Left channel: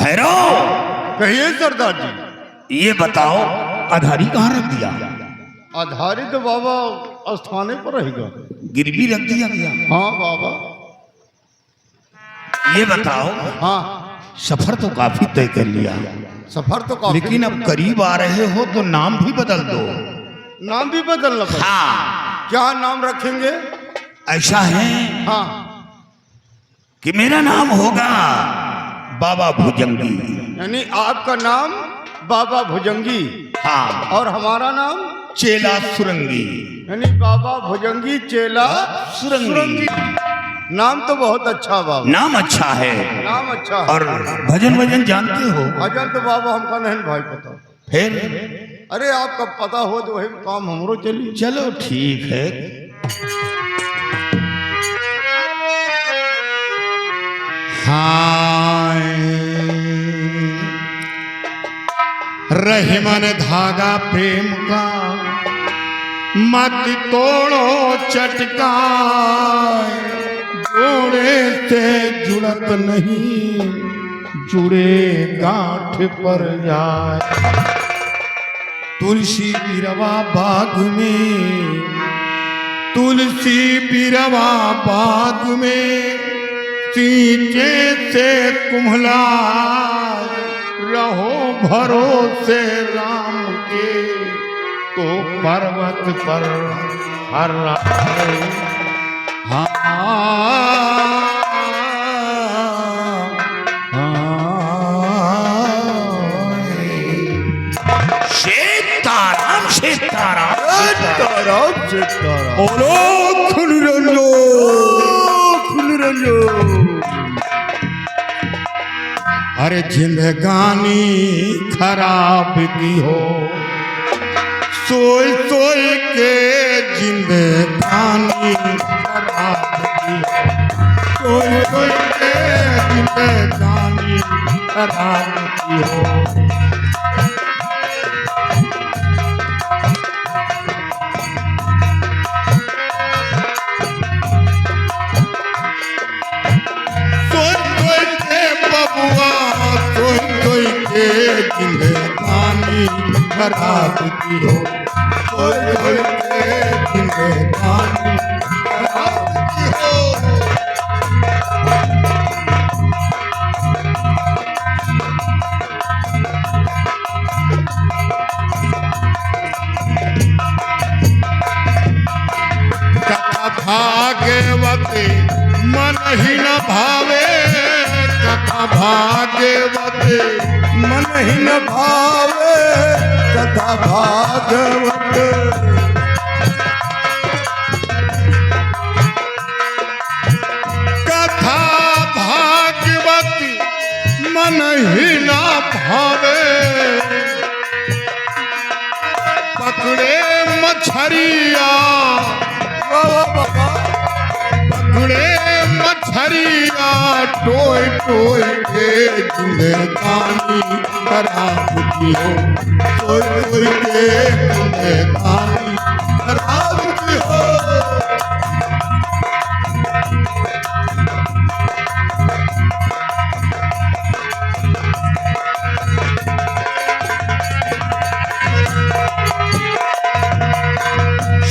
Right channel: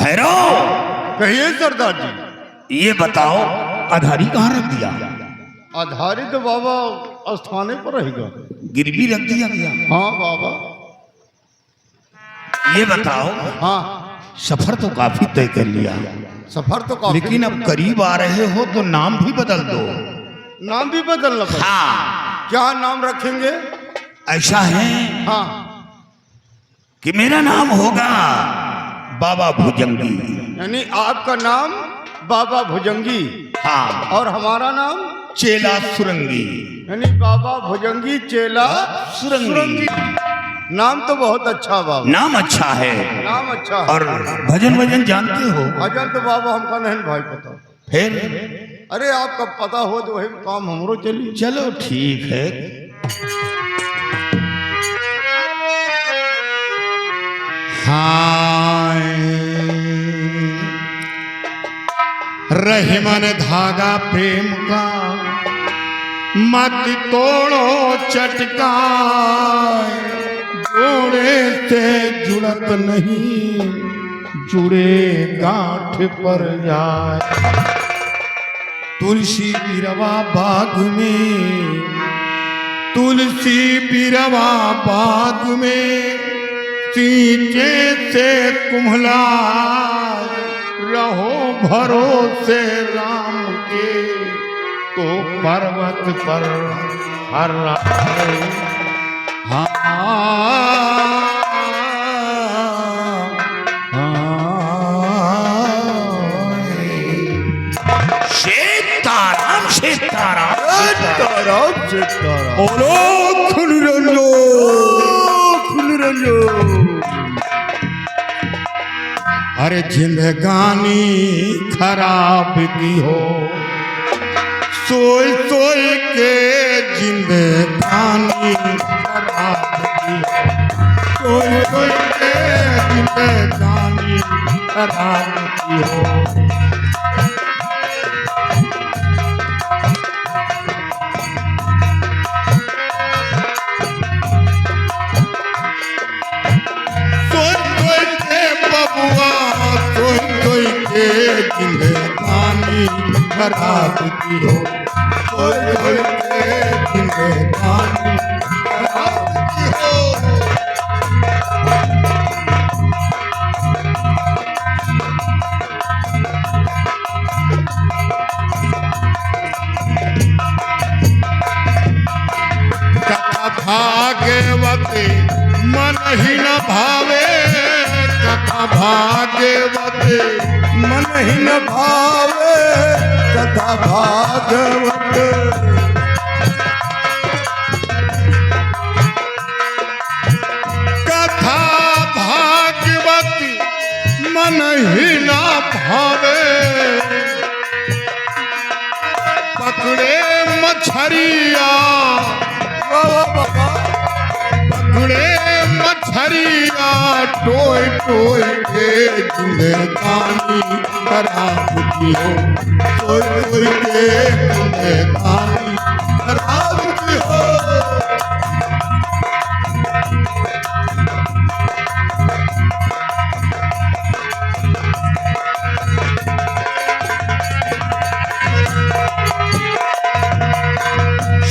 भैरव, कहिए सरदार जी। ये बताओ आधारी कहाँ रख दिया? आधारी तो बाबा स्थाने पर रहेगा। गिरवी रख दिया गया? हाँ बाबा। ये बताओ, हाँ सफर तो काफी तय कर लिया, सफर तो काफी, लेकिन अब करीब आ रहे हो तो नाम भी बदल दो। नाम भी बदलना पड़ेगा। हाँ, क्या नाम रखेंगे? ऐसा है हाँ कि मेरा नाम होगा बाबा भुजंगी। यानी आपका नाम बाबा भुजंगी। हाँ, और हमारा नाम चेला सुरंगी। यानी बाबा भुजंगी चेला सुरंगी। नाम तो बहुत अच्छा बाबा। नाम अच्छा है। नाम अच्छा है। और भजन वजन जानते हो? भजन तो बाबा हमका नहीं भाई पता। फिर अरे आपका पता हो तो वही काम हमरो चलिए। चलो ठीक है। हाय रहे मन धागा प्रेम का, मत तोड़ो चटका, जोड़े से जुड़त नहीं, जुड़े गांठ पर जाए। तुलसी बिरवा बाग में, तुलसी बिरवा बाग में, सींचे से कुम्हला, रहो भरोसे राम के, तो पर्वत पर हर सीताराम सीताराम सीताराम सीताराम। बोलो खुल रंजो, खुल रंजो। अरे जिंदगानी खराब की हो, सोई सोई के जिंदगानी खराब की हो, सोई सोई के जिंदगानी खराब की हो। जिंदगानी खराब की हो, जिंदगानी खराब की हो। कथा भागवती मन ही न भावे, कथा भागवती मन ही न भावे, कथा भागवत। कथा भागवती मन ही न भावे, पकड़े मछरिया, पकड़े मछरिया, टोय टोय के जिंदगानी खराब की हो, टोय टोय के जिंदगानी खराब की हो।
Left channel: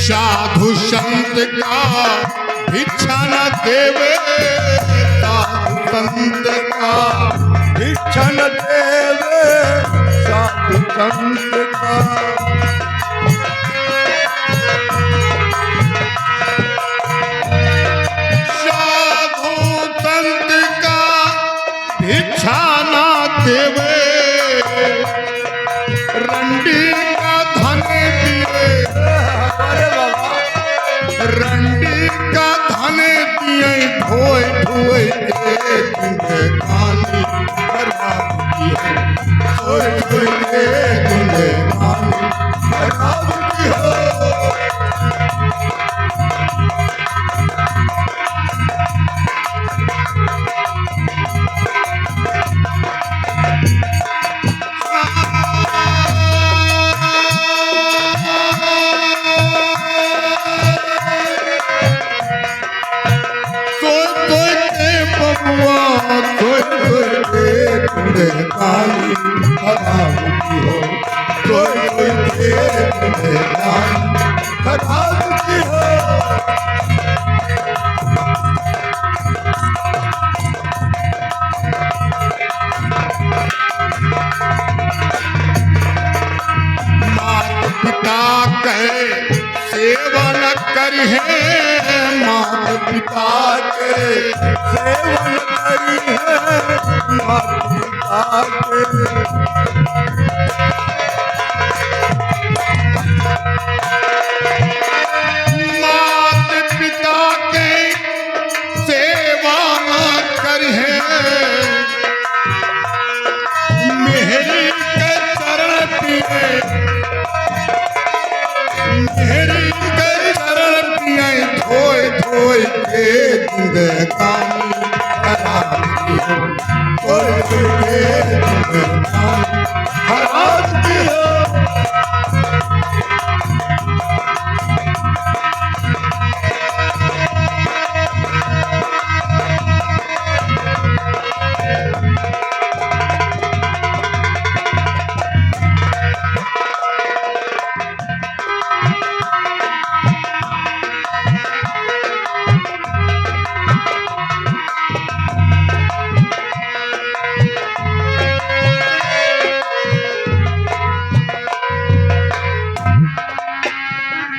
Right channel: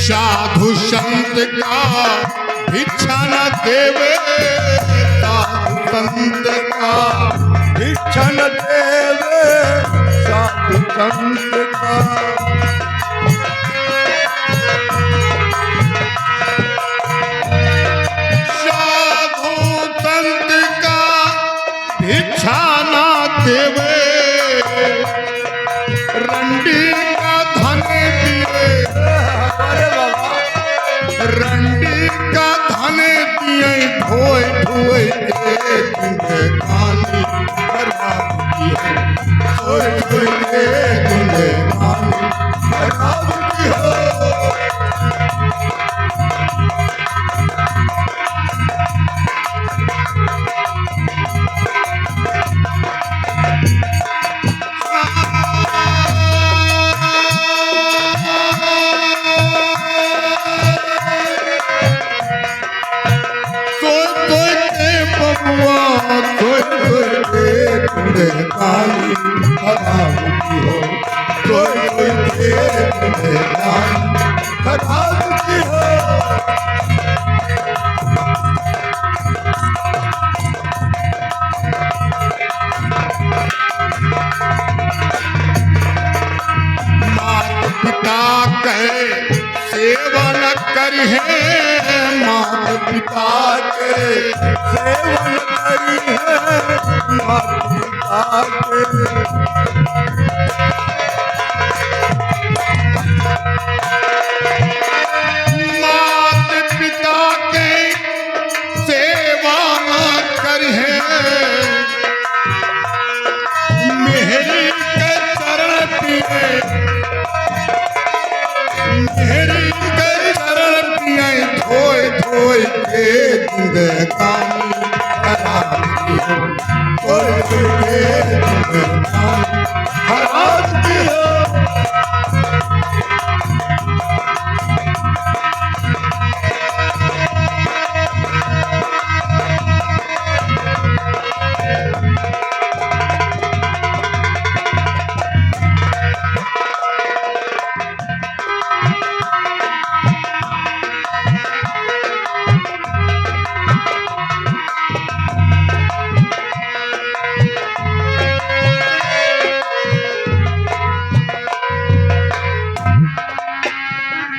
साधु संत का भिक्षा न देवे, साधु संत का भिक्षा न देवे, साधु संत का। साधु संत का भिक्षा न देवे, रंडी का धन दिए, रंडी का धन दिए, धोए धोए के जिंदगानी खराब की हो, धोए धोए के जिंदगानी खराब की हो। जिंदगानी खराब की हो। मात पिता के सेवन करिहे, मात पिता के सेवन करिहे, मात पिता के। मात पिता के सेवन करिहे, मेहरी के चरण पिए, मेहरी के चरण पिए, धोए धोए के जिंदगानी खराब की हो, धोए धोए के जिंदगानी खराब की हो।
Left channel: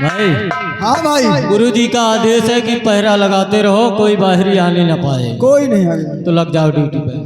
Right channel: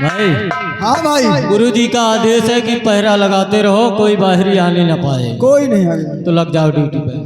भाई हाँ भाई, गुरुजी का आदेश है कि पहरा लगाते रहो, कोई बाहरी आने न पाए। कोई नहीं आएगा। तो लग जाओ ड्यूटी पे।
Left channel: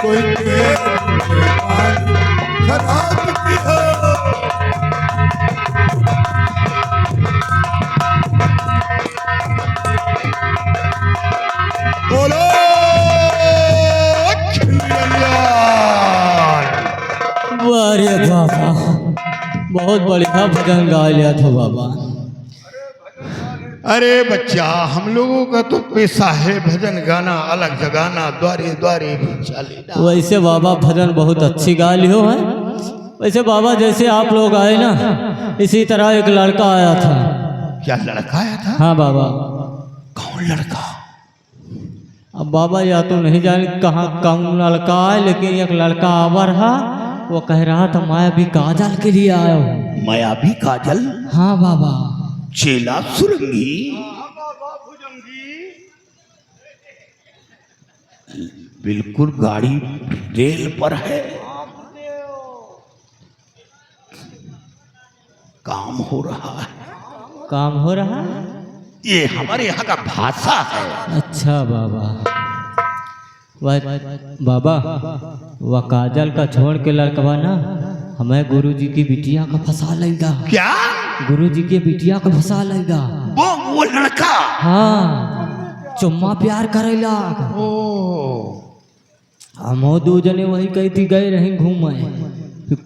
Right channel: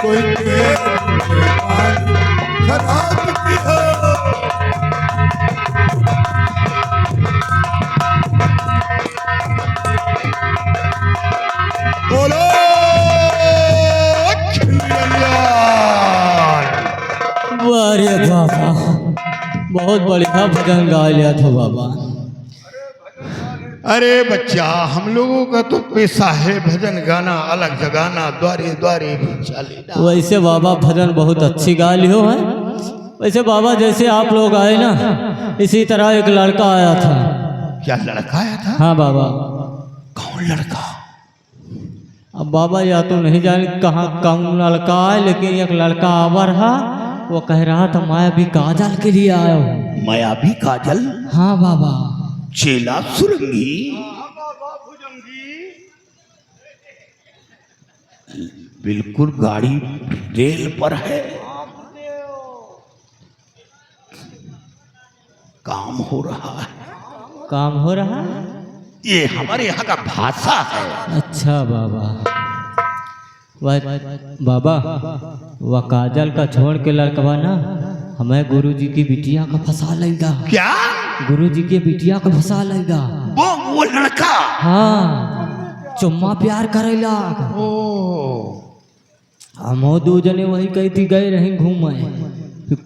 कोई खराब की हो। बोलो अरे बाबा, बहुत बढ़िया भजन गा लिया था बाबा। अरे बच्चा, हम लोगों का तो पेशा है भजन गाना, अलग जगाना, द्वारे द्वारे भिक्षा लेना। वैसे बाबा भजन बहुत अच्छी गा लियो है। वैसे बाबा जैसे आप लोग आए ना, इसी तरह एक लड़का आया था। क्या लड़का आया था? हाँ बाबा। कौन लड़का? अब बाबा या तो नहीं जाने कहाँ कौन लड़का है, लेकिन एक लड़का आवा रहा, वो कह रहा था मैं भी काजल के लिए आया हूँ। माया भी काजल, हाँ बाबा। चेला सुरंगी, बिल्कुल गाड़ी रेल पर है, काम हो रहा है। काम हो रहा है? ये हमारे यहाँ का भाषा है। अच्छा बाबा। बाबा वह काजल का छोड़ के लड़कवा ना हमें गुरुजी की बिटिया का फंसा लेगा। क्या? गुरुजी की बिटिया का फंसा लेगा। वो लड़का? हाँ, चुम्मा प्यार करेला। ओ, हम दो जने वही कही थी गए रहे घूमे।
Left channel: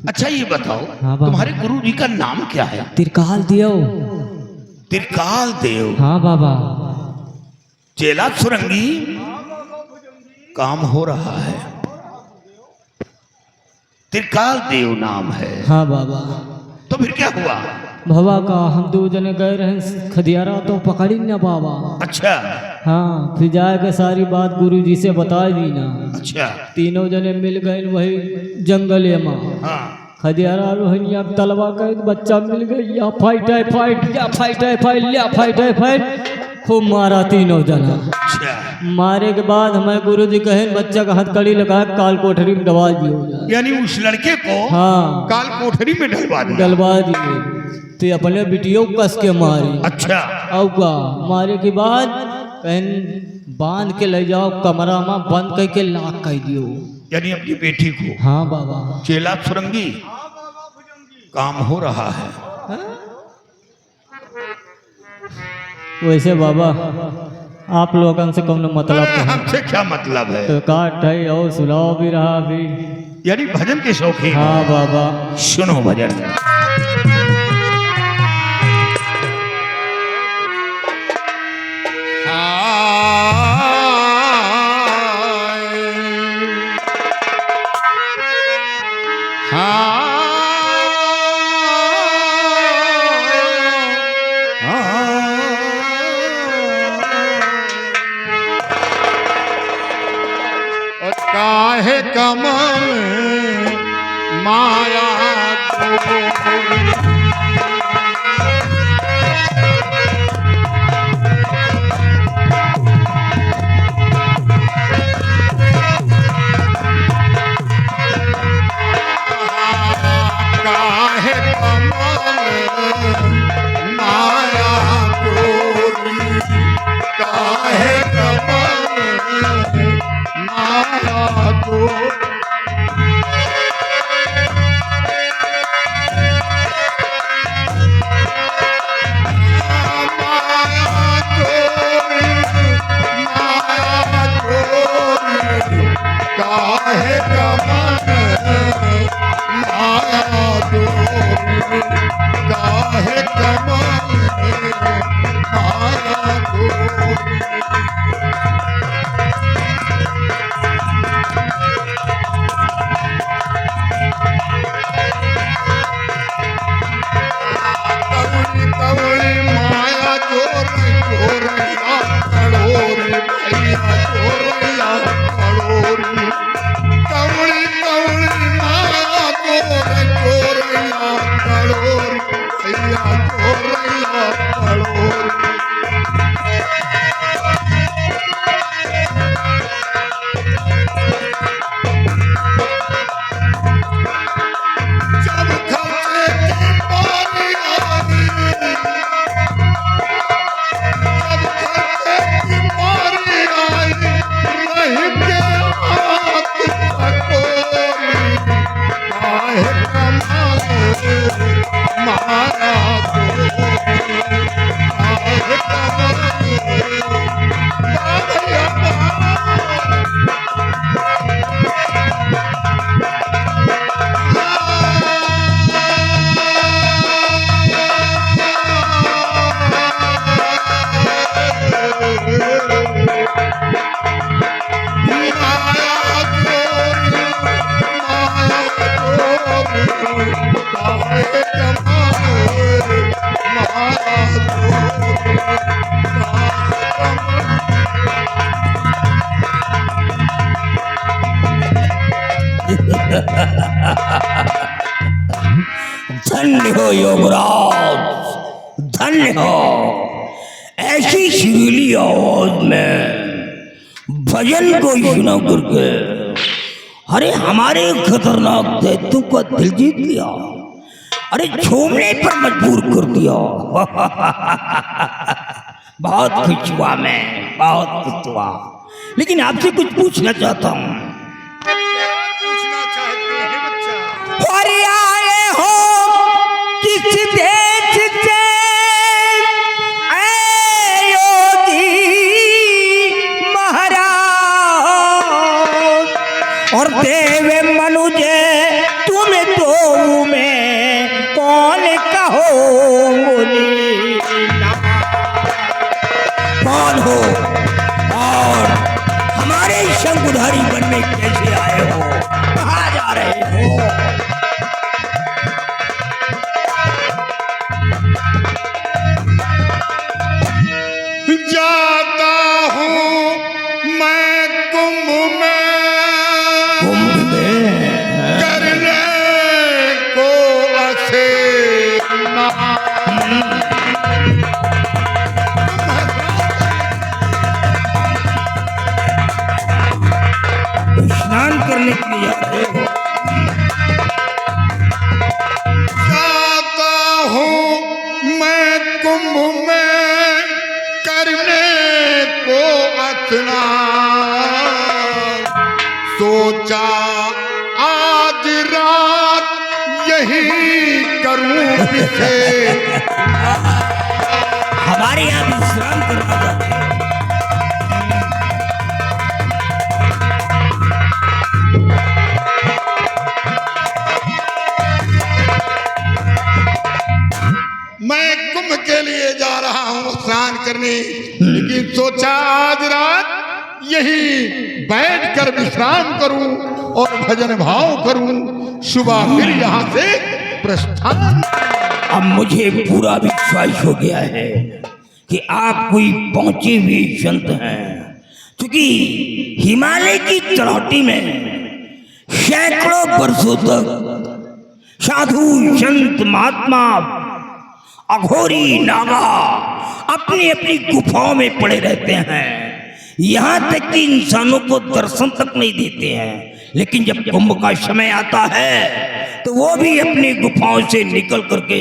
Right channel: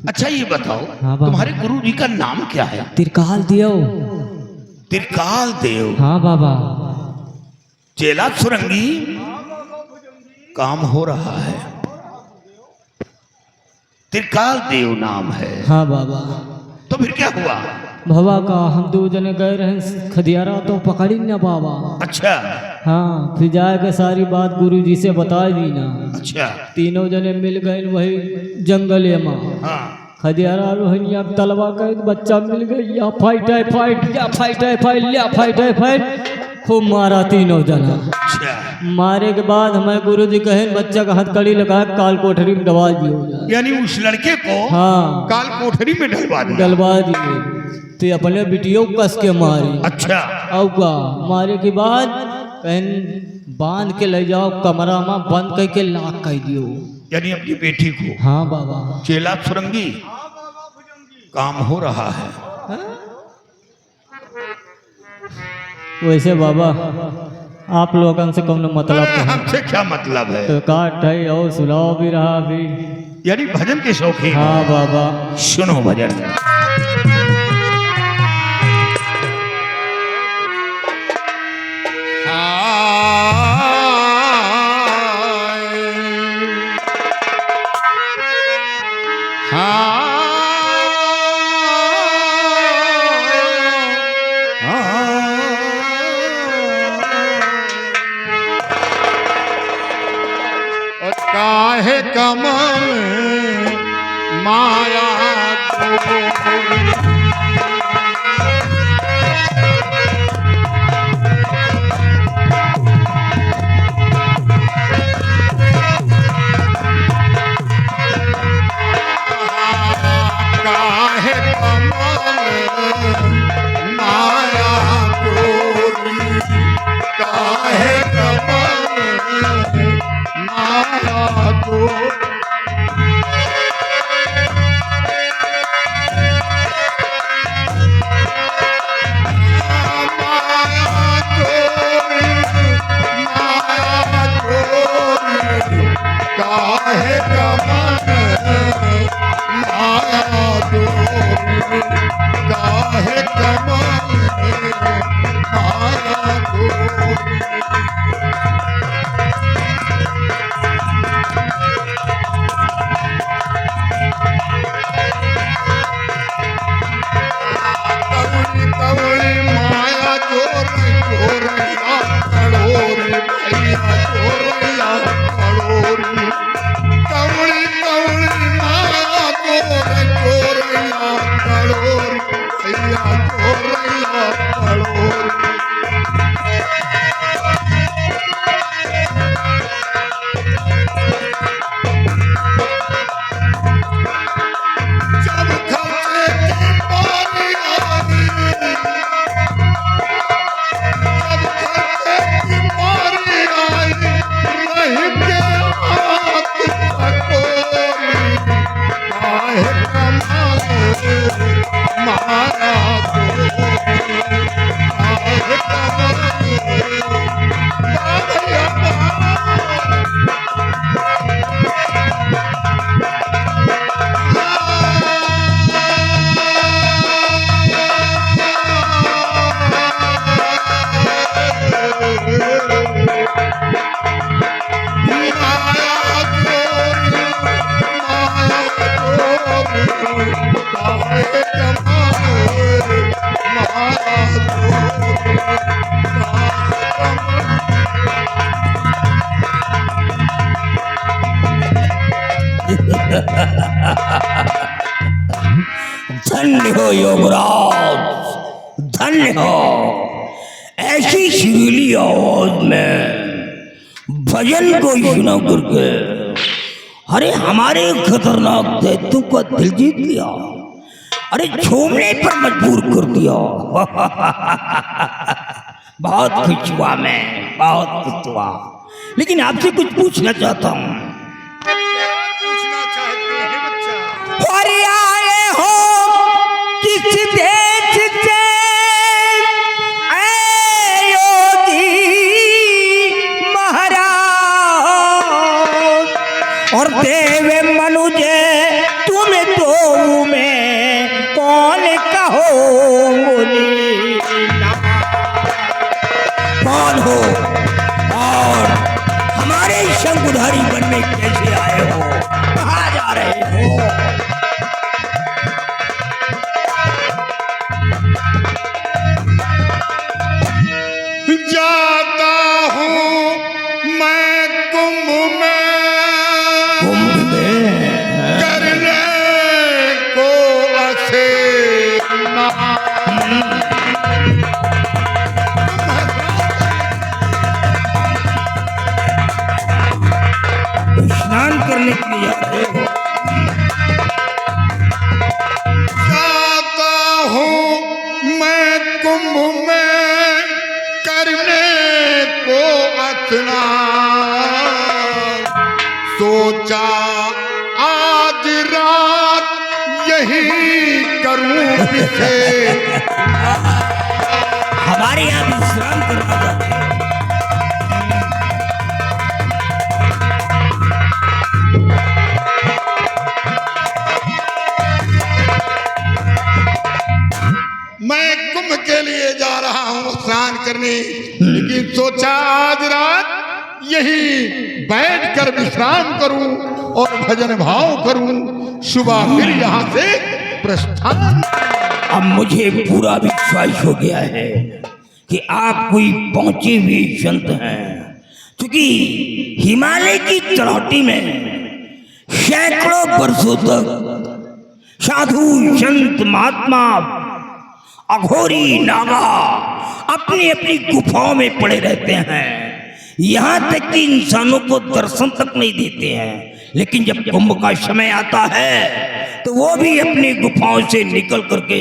अच्छा ये बताओ, हाँ बाबा। तुम्हारे गुरुजी का नाम क्या है? तिरकाल दियो। त्रिकाल देव। हाँ बाबा। चेला सुरंगी, काम हो रहा है। त्रिकाल देव नाम है। हाँ बाबा। तो फिर क्या हुआ? बाबा का हम दो जने गए रहे खदियारा तो पकड़ी ना बाबा। अच्छा हाँ, फिर जाके सारी बात गुरुजी से बता दी ना। अच्छा। तीनों जने मिल गए वही जंगल में। हाँ, खदियारा रोहनिया तलवा गए, बच्चा मिल गई, या फाइट है फाइट, या फाइट है फाइट, या फाइट है फाइट, खूब मारा तीनों जना। अच्छा। मारे के बाद हमें गुरुजी कहे बच्चा का हथकड़ी लगा काल कोठरी में डलवा दियो। यानी उस लड़के को हाँ, काल कोठरी में डलवा दिया। डलवा दिए। तो अपने बिटियों कस के मारी। अच्छा। और का मारे के बाद कहन बांध के ले जाओ कमरा में, बंद करके लाक कर दियो। यानी अपनी बेटी को। हाँ बाबा। चेला सुरंगी, काम हो रहा है। वैसे बाबा आप लोगन से कौन मतलब है? हमसे क्या मतलब है? तो काट है और सुलाओ भी रहा अभी। यानी भजन के शौकीन। हाँ बाबा। सुनो भजन। काहे कमल माया काहे कमल माया गोरी काहे कमल माया गोरी काहे कमल माया गोरी काहे कमल माया गोरी कवड़ी कवड़ी माया गोरी गोरिया कड़ोरी भैया गोरिया कड़ोरी कवड़ी कवड़ी माया गोरी गोरिया कड़ोरी भैया गोरिया कड़ोरी जब खर्चे की बारी आई जब खर्चे की बारी आई रह के हाथ पकोरी काहे कमाल माया गोरी काहे कमाल धन्य हो योगराज, धन्य हो। ऐसी सुरीली आवाज में भजन को सुना करके अरे हमारे खतरनाक दैत्यों का दिल जीत लिया, अरे झूमने पर मजबूर कर दिया। बहुत खुश हुआ मैं, बहुत खुश हुआ। लेकिन आपसे कुछ पूछना चाहता हूँ। पूछना चाहते हैं बच्चा? और आए हो किस देश से ऐ योगी महाराज, और देव मनुज तुम दो में कौन कहो बोली कौन हो, और हमारे शंकुधारी बनने कैसे आए हो, कहाँ जा रहे हो? जाता हूँ मैं कुंभ में करने को स्नान करने के लिए जा रहे हो? जाता हूँ मैं कुंभ में करने को स्नान, सोचा आज रात यही करूं किसे हमारे यहाँ विश्राम करना चाहते हैं। मैं कुंभ के लिए जा रहा हूँ स्नान करने, लेकिन सोचा आज रात यही बैठकर विश्राम करूं और भजन भाव करूं, सुबह फिर यहाँ से प्रस्थान। अब मुझे पूरा विश्वास हो गया है कि आप कोई पहुंचे हुए संत हैं, क्योंकि हिमालय की तलहटी में सैकड़ों वर्षों तक साधु संत महात्मा अघोरी नागा अपनी अपनी गुफाओं में पड़े रहते हैं, यहाँ तक कि इंसानों को दर्शन तक नहीं देते हैं। लेकिन जब कुंभ का समय आता है तो वो भी अपनी गुफाओं से निकल करके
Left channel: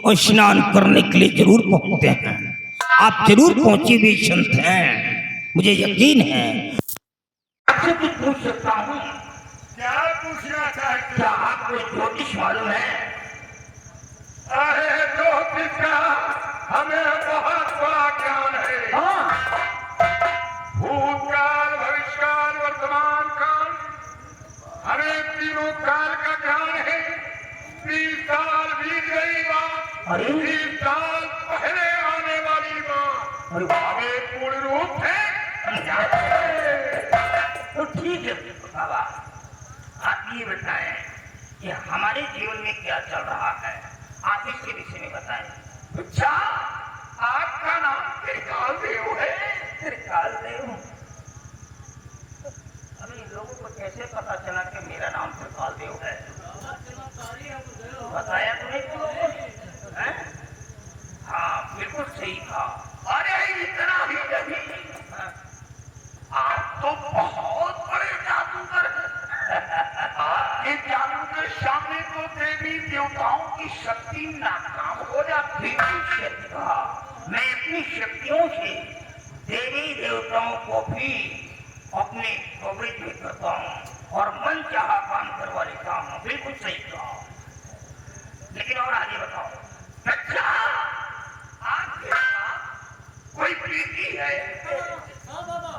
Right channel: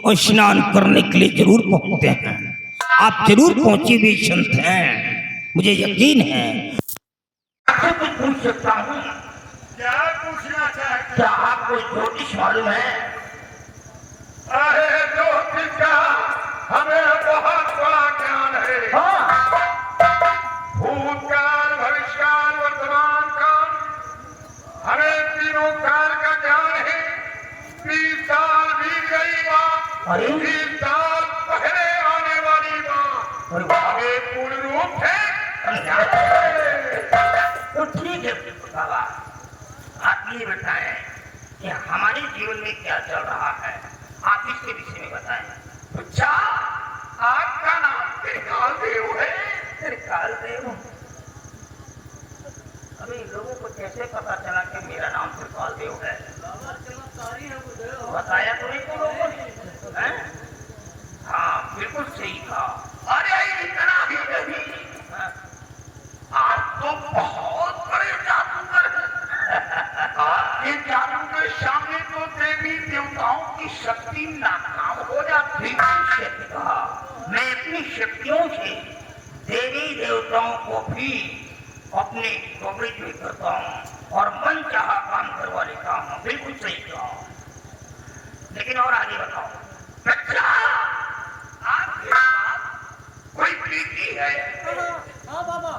और स्नान करने के लिए जरूर पहुंचते हैं। आप जरूर पहुंचे हुए संत हैं, मुझे यकीन है। आपसे कुछ पूछ सकता हूँ? क्या पूछना चाहते? क्या आपको ज्योतिष मालूम है? अरे ज्योतिष का हमें बहुत बड़ा ज्ञान है। भूतकाल, भविष्यकाल, वर्तमान काल, हमें तीनों काल का ज्ञान है। 30 साल बीत गई बात, 30 साल पहले आने वाली बात हमें पूर्ण रूप है। तो ठीक है बाबा, आप ये बताएं कि हमारे जीवन में क्या चल रहा है, आप इसके विषय में बताएं। अच्छा, आपका नाम त्रिकाल देव है? त्रिकाल देव? अभी लोगों को कैसे पता चला कि मेरा नाम त्रिकाल देव है? बताया तो नहीं तुम लोगों ने? हाँ, बिल्कुल सही कहा। अरे इतना ही नहीं, आप तो बहुत बड़े जादूगर हैं। आपके जादू के सामने तो देवी देवताओं की शक्ति नाकाम हो जाती है। कहा, मैं अपनी शक्तियों से देवी देवताओं को भी अपने कवरेज में करता हूँ और मन चाहा काम करवा लेता हूँ। बिल्कुल सही कहा, लेकिन और आगे बताओ। अच्छा, आपके पास कोई बेटी है? हाँ बाबा।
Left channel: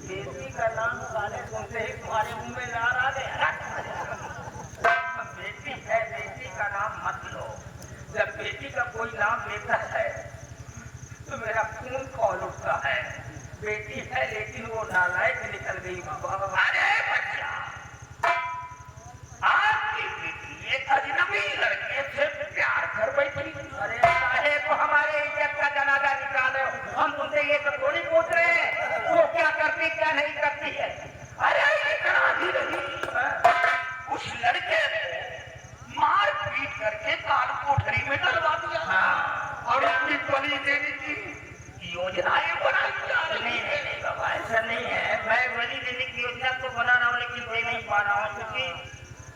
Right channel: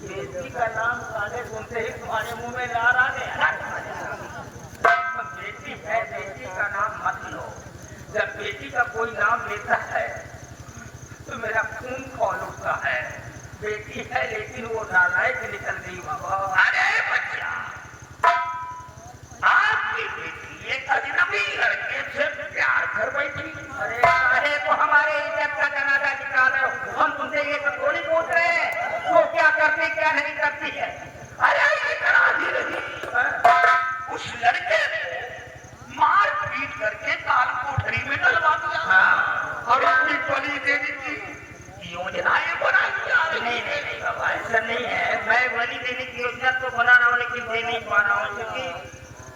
बेटी का नाम साले सुनते ही तुम्हारे मुंह में नार आ गया। बेटी है, बेटी का नाम मत लो। जब बेटी का कोई नाम लेता है तो मेरा खून खौल उठता है। बेटी है लेकिन वो नालायक निकल गई बाबा। अरे बच्चा, आपकी बेटी एक अजनबी लड़के से प्यार कर बैठी। अरे साहेब, वो हमारे इज्जत का जनाजा निकालो। हम तुमसे ये सब थोड़ी पूछ रहे हैं वो क्या करती क्या नहीं करती है। अरे इतना ही नहीं, उस लड़के ने मार पीट करके काल कोठरी में डलवा दिया और उसकी बलि देने की योजनाएं बनाई जा रही। नहीं बाबा, ऐसा नहीं है। मैं बलि देने की योजना तो बना रहा हूँ लेकिन दे नहीं पा रहा हूँ, क्योंकि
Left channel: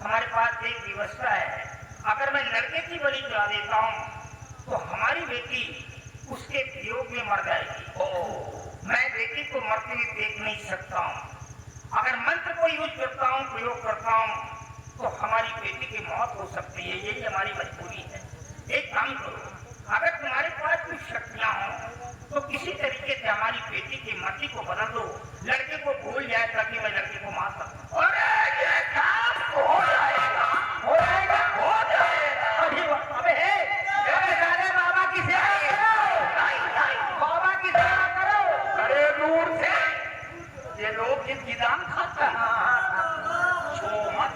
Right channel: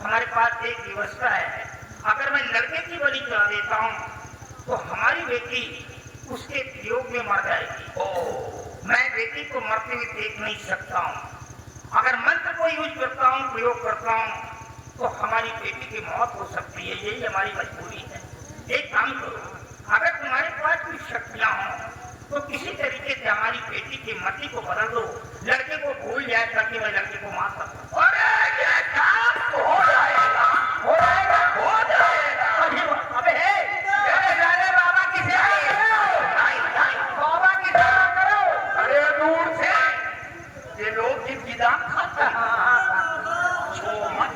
हमारे पास एक व्यवस्था है। अगर मैं लड़के की बलि चढ़ा देता हूँ तो हमारी बेटी उसके वियोग में मर जाएगी। मैं बेटी को मरते हुए देख नहीं सकता हूँ। अगर मंत्र को यूज करता हूँ, प्रयोग करता हूँ तो हमारी बेटी की मौत हो सकती है। यही हमारी मजबूरी है। एक काम करो, अगर तुम्हारे पास कुछ शक्तियाँ हों तो किसी तरीके से हमारी बेटी की मति को बदल दो, लड़के को भूल जाए ताकि मैं लड़के को मार सकूं। अरे ये काम हो जाएगा, हो जाएगा, हो जाएगा। अबे सारे बाबा की सेवा करो, बाबा की सेवा करो। अरे दूर से ये लोग जिनकी जान खाता है, छो मत।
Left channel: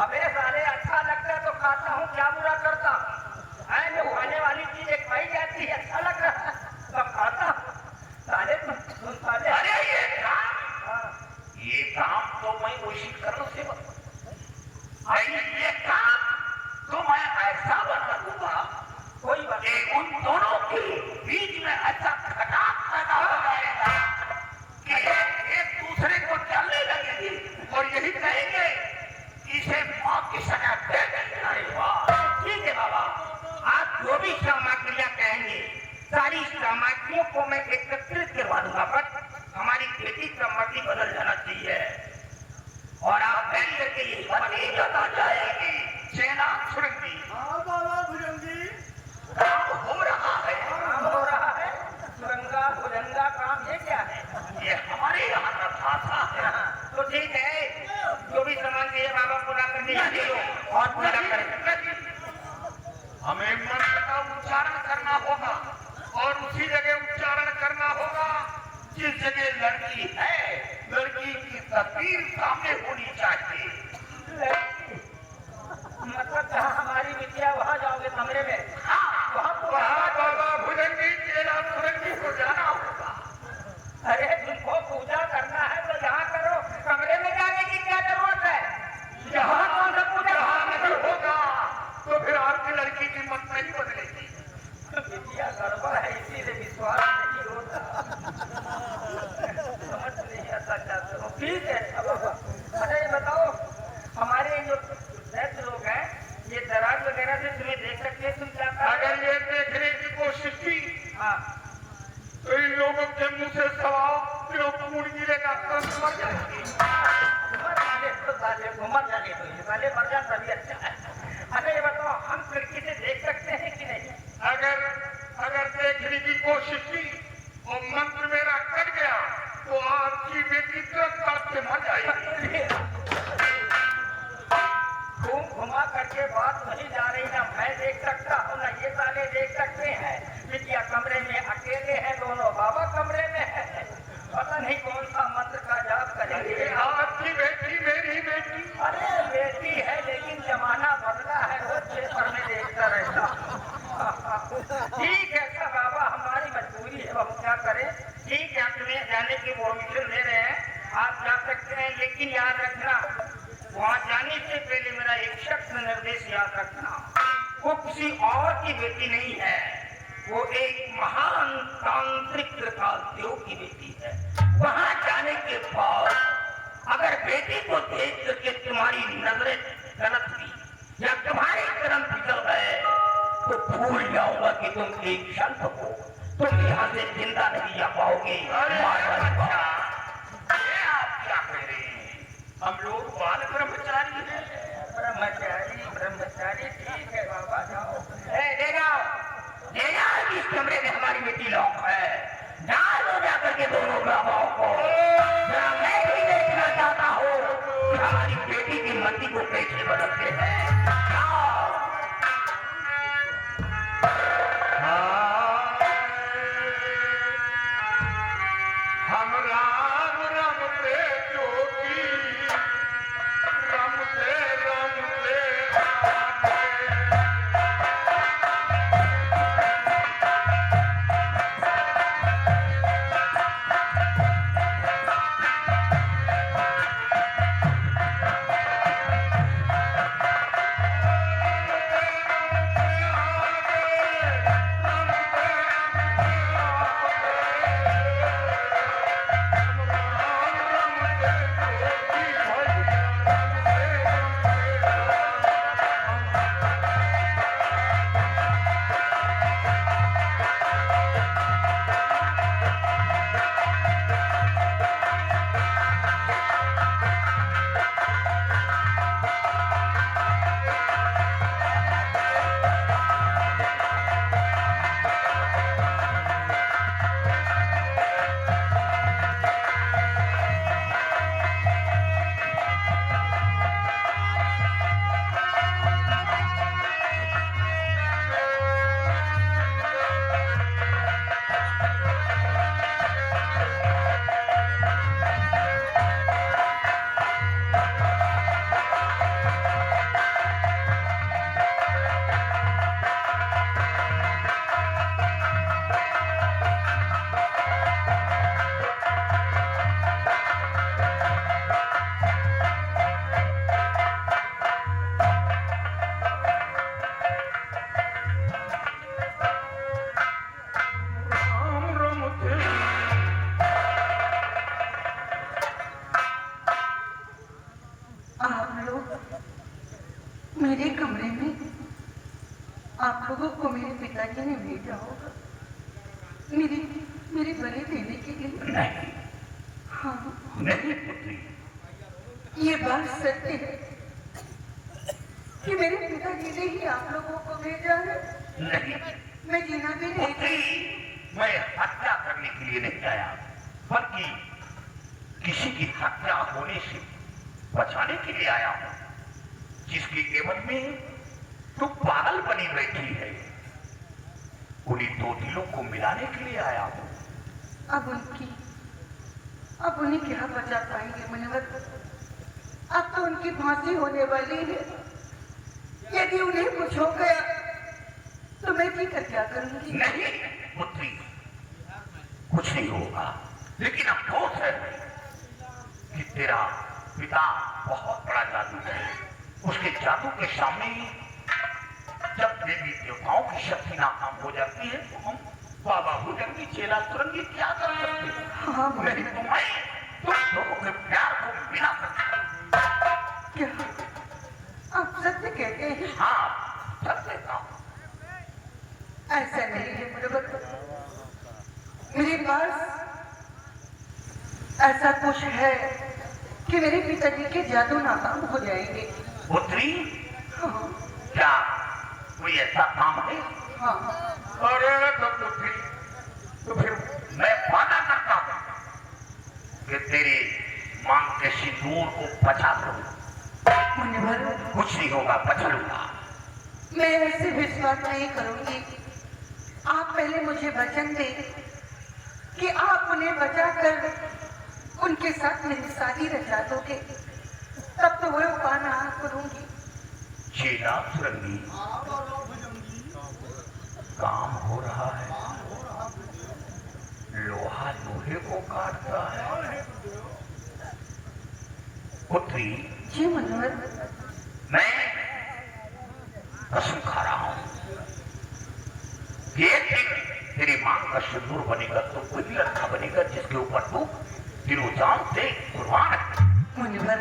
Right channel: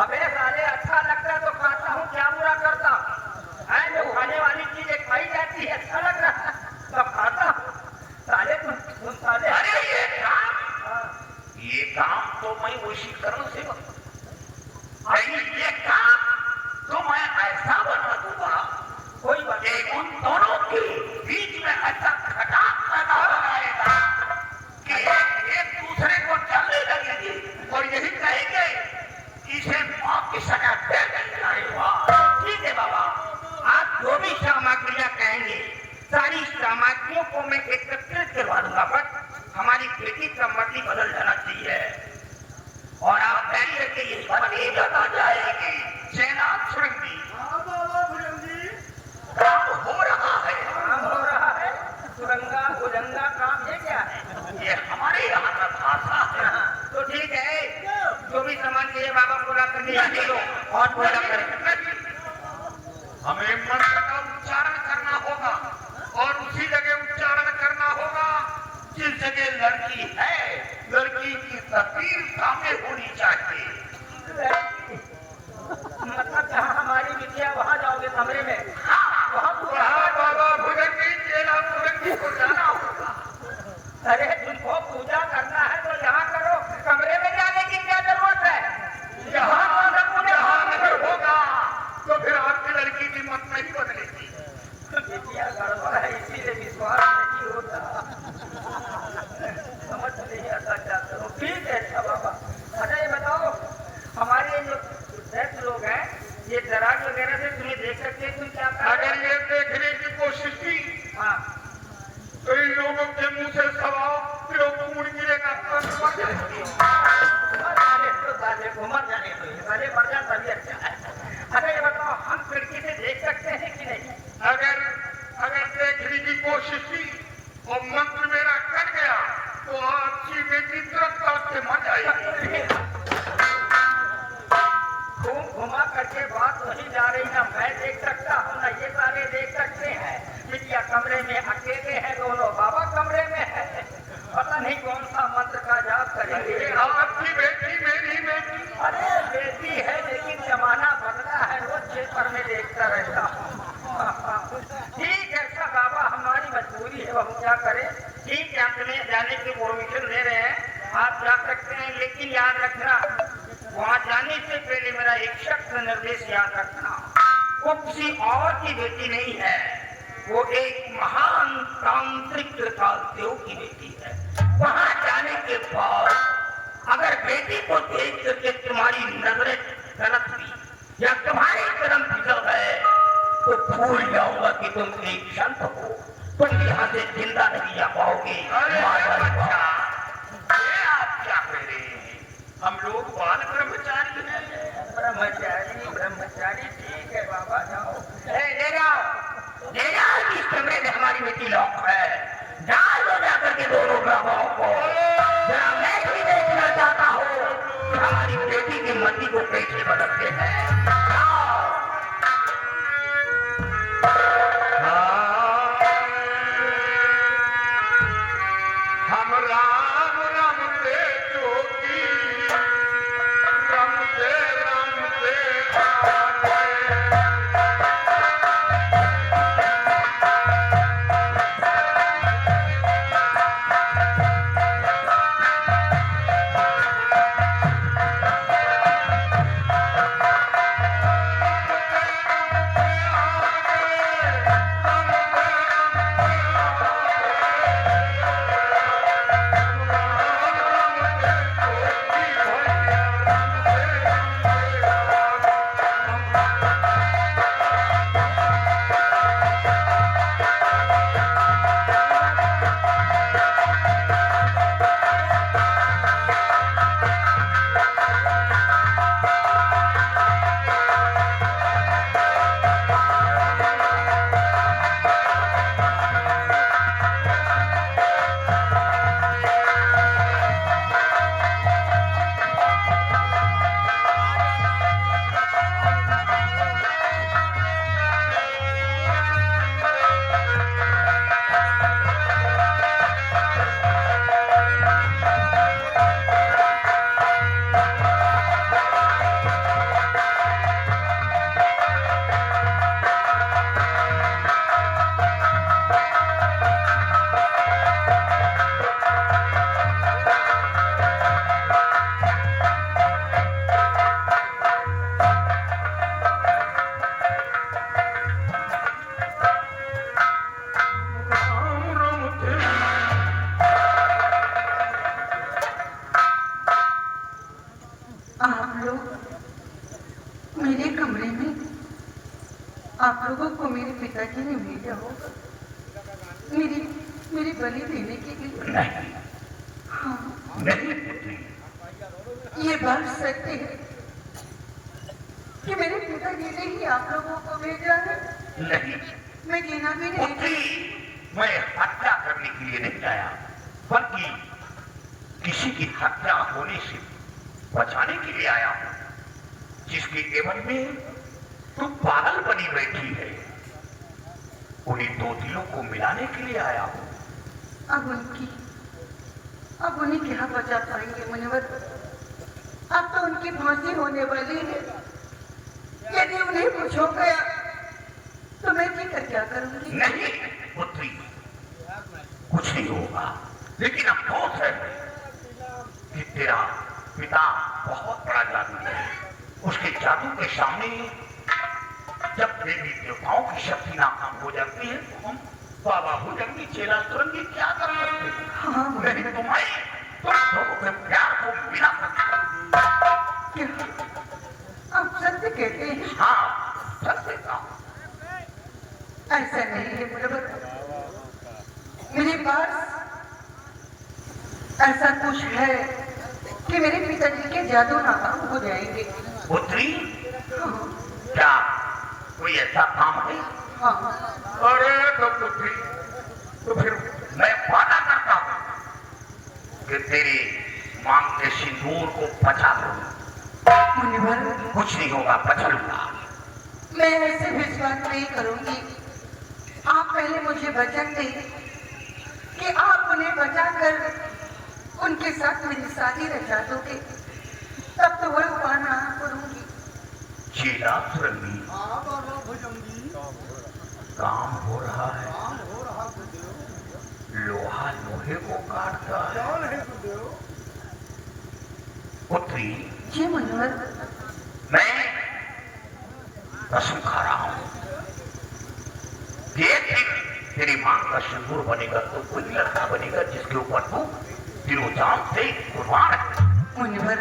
अबे साले, अच्छा लगता तो खाता हूँ, क्या बुरा करता है? जो खाने वाली चीजें खाई जाती है, अच्छा लग रहा है तो खाता हूँ। साले तुम साले, अरे ये काम तो मैं उसी करूँ से, ये काम तो मैं ऐसा बना दूंगा कोई बात कि उन दोनों के बीच में ऐसा खटाक पैदा हो जाएगा कि एक दूसरे को चलने लगेंगे और यही कहेंगे कि इसे मौत की सजा दे देनी चाहिए। ठीक है बाबा, आप जो भी सामग्रियां कहेंगे सारी सामग्रियों को मैं एकत्रित करवा दूंगा, पर हमारी बेटी का मति बदल जाना चाहिए और आप बैठ करके ये बता जाएगी सेना छुड़ेगी। का उच्चारण करना होगा और उसी जगह उच्चारण करना होगा जिस जगह लड़की है। लड़की की तस्वीर सामने होनी चाहिए। मतलब जहाँ हमारी विद्या वहाँ जाओगे कमरे में? वहाँ बाबा भुजंगी तेरा भुजंगी को जाना होगा। अरे तुमको पूजा करना है तो यहाँ करो, कमरे में जाने की क्या जरूरत है? यहाँ कौन सा पूजा नहीं होगा तो फिर आपकी लड़की की मत नहीं बदलेगी। विद्या गड़बड़ है, इसीलिए विश्वास नहीं होता। समझ नहीं आता क्या करूँ। ठीक है अच्छा बाबा। अरे ये बताओ, हमारे जो वृद्ध लोग हैं ये दराज वगैरह से तुम्हें देख सकते हैं, तुम क्या कर? अगर ये देखने की कोशिश की हाँ तो इन लोगों के मुंह से 1.25 किलो खून गिरेगा। मर जाने को गले मर जा तभी अच्छा है। अरे ये बताओ, हम खिड़की से देख सकते हैं कि नहीं? अगर देखने की कोशिश की और मंत्र मेरा कट गया तो आपकी बेटी तड़प से मर जाएगी। घुमा करके बात नहीं जा रही, ना मैं देख सकता हूँ ना ये सारे देख सकते हैं। बिटिया कमरे में अकेले हैं दोनों, बाबा कमरे में है। पता नहीं कौन सा मंत्र का जाप करेंगे। आपकी बेटी मेरी बेटी। अरे बेटी है लेकिन जमाना बदला है, वो पेपर में देखता रहता। ठीक है अच्छा बाबा, हमारी मजबूरी है, हम क्या करें। ठीक है, तुम्हें जाने की परमिशन दे रहे हैं, आप जा सकते हैं। लेकिन याद रखना, वहाँ जाने से पहले मेरा एक शख्स निर्देश याद रखना। वो किसी और की बेटी नहीं है, वो एक महान तांत्रिक त्रिकालदेव की बेटी है। वहाँ जाने के बाद अगर बेटी को देख करके तुम्हारी नजरें गलत हुई या तुम्हारे कदम फिसल गए तो भूल जाऊंगा कि तुम एक संत हो। तुम यहाँ से जिंदा नहीं जा पाओगे। आप क्या कह रहे हैं? हम लोग बाल ब्रह्मचारी हैं। ब्रह्मचारी ठीक है बाबा, जाओ। ले जाओ इस कमरे में हमारी बेटी लॉक है। डाल दो जाकर के दोनों बाबाओं को। मैं भी देखना चाहता हूँ हमारी बेटी की मति को कैसे बदलते हैं। हम राम रमते जोगी रमते रमते आप लोग मेरे कमरे में आप लोगों को मेरे पिताजी ने भेजा होगा मेरी बलि देने के लिए। हाँ, ये बात सत्य है कि मेरे पिताजी ने ही आप लोगों को भेजा है। मैं गिना भी नहीं। मैं हत्या करने के लिए नहीं आया, बल्कि किसी की हत्या होने से बचाने के लिए आया हूं, जिसके केवल में तू पागल बनी बैठी है। उन्हीं दो दिलों को मिलाने के लिए आया हूँ। अब उन्हें क्या बचा पाएंगे मुनिवर? अब तो उनकी फांसी होने वाली है। यदि उन्हें कुछ हो गया तो मैं फिर क्या करूंगी? नहीं पुत्री, कुछ नहीं होगा, लेकिन अफसोस है कि तेरा पिता बहुत बड़ा जादूगर है। उसके जादू के सामने जब देवी देवताओं की शक्ति नाकाम हो जाती है तो हम बाबा भुजंगी चेला सुरंगी क्या कर सकते हैं? हाँ नहीं तो मैं तुम लोगों के प्यार को बिना सकता। क्या आप सत्य कहते हैं? हाँ सत्य का। ऐसा नहीं है मुनिवर, मेरे पास ऐसा कुछ है कि मेरे पिताजी के जादू नाकाम हो जाएंगे। पुत्री, क्या कोई ऐसा काम है? हाँ अरे तो पुत्री, तो फिर मैं वादा करता हूँ कि तेरे मांग के सिंदूर को बचा लूंगा। मुनिवर, कुछ नहीं होगा, बचा लूंगा। मैं ऐसे विश्वास नहीं करूंगी। आप पहले मुझे वचन दें कि आप उन्हें बचाकर उनके साथ मेरी शादी रचा दोगे, तब तो वह पाना करूंगी। चेला सुरंगी, काम हो रहा है, लोहा लोहे को काटता है। पुत्री, जी मुनिवर, मैं कसम खा रहा हूं कि एक दिन तेरी मांग का सिंदूर बनेगा तो कोई लड़का बनेगा जिसके ऊपर तू तीनों जान से कुर्बान है। मुनिवर,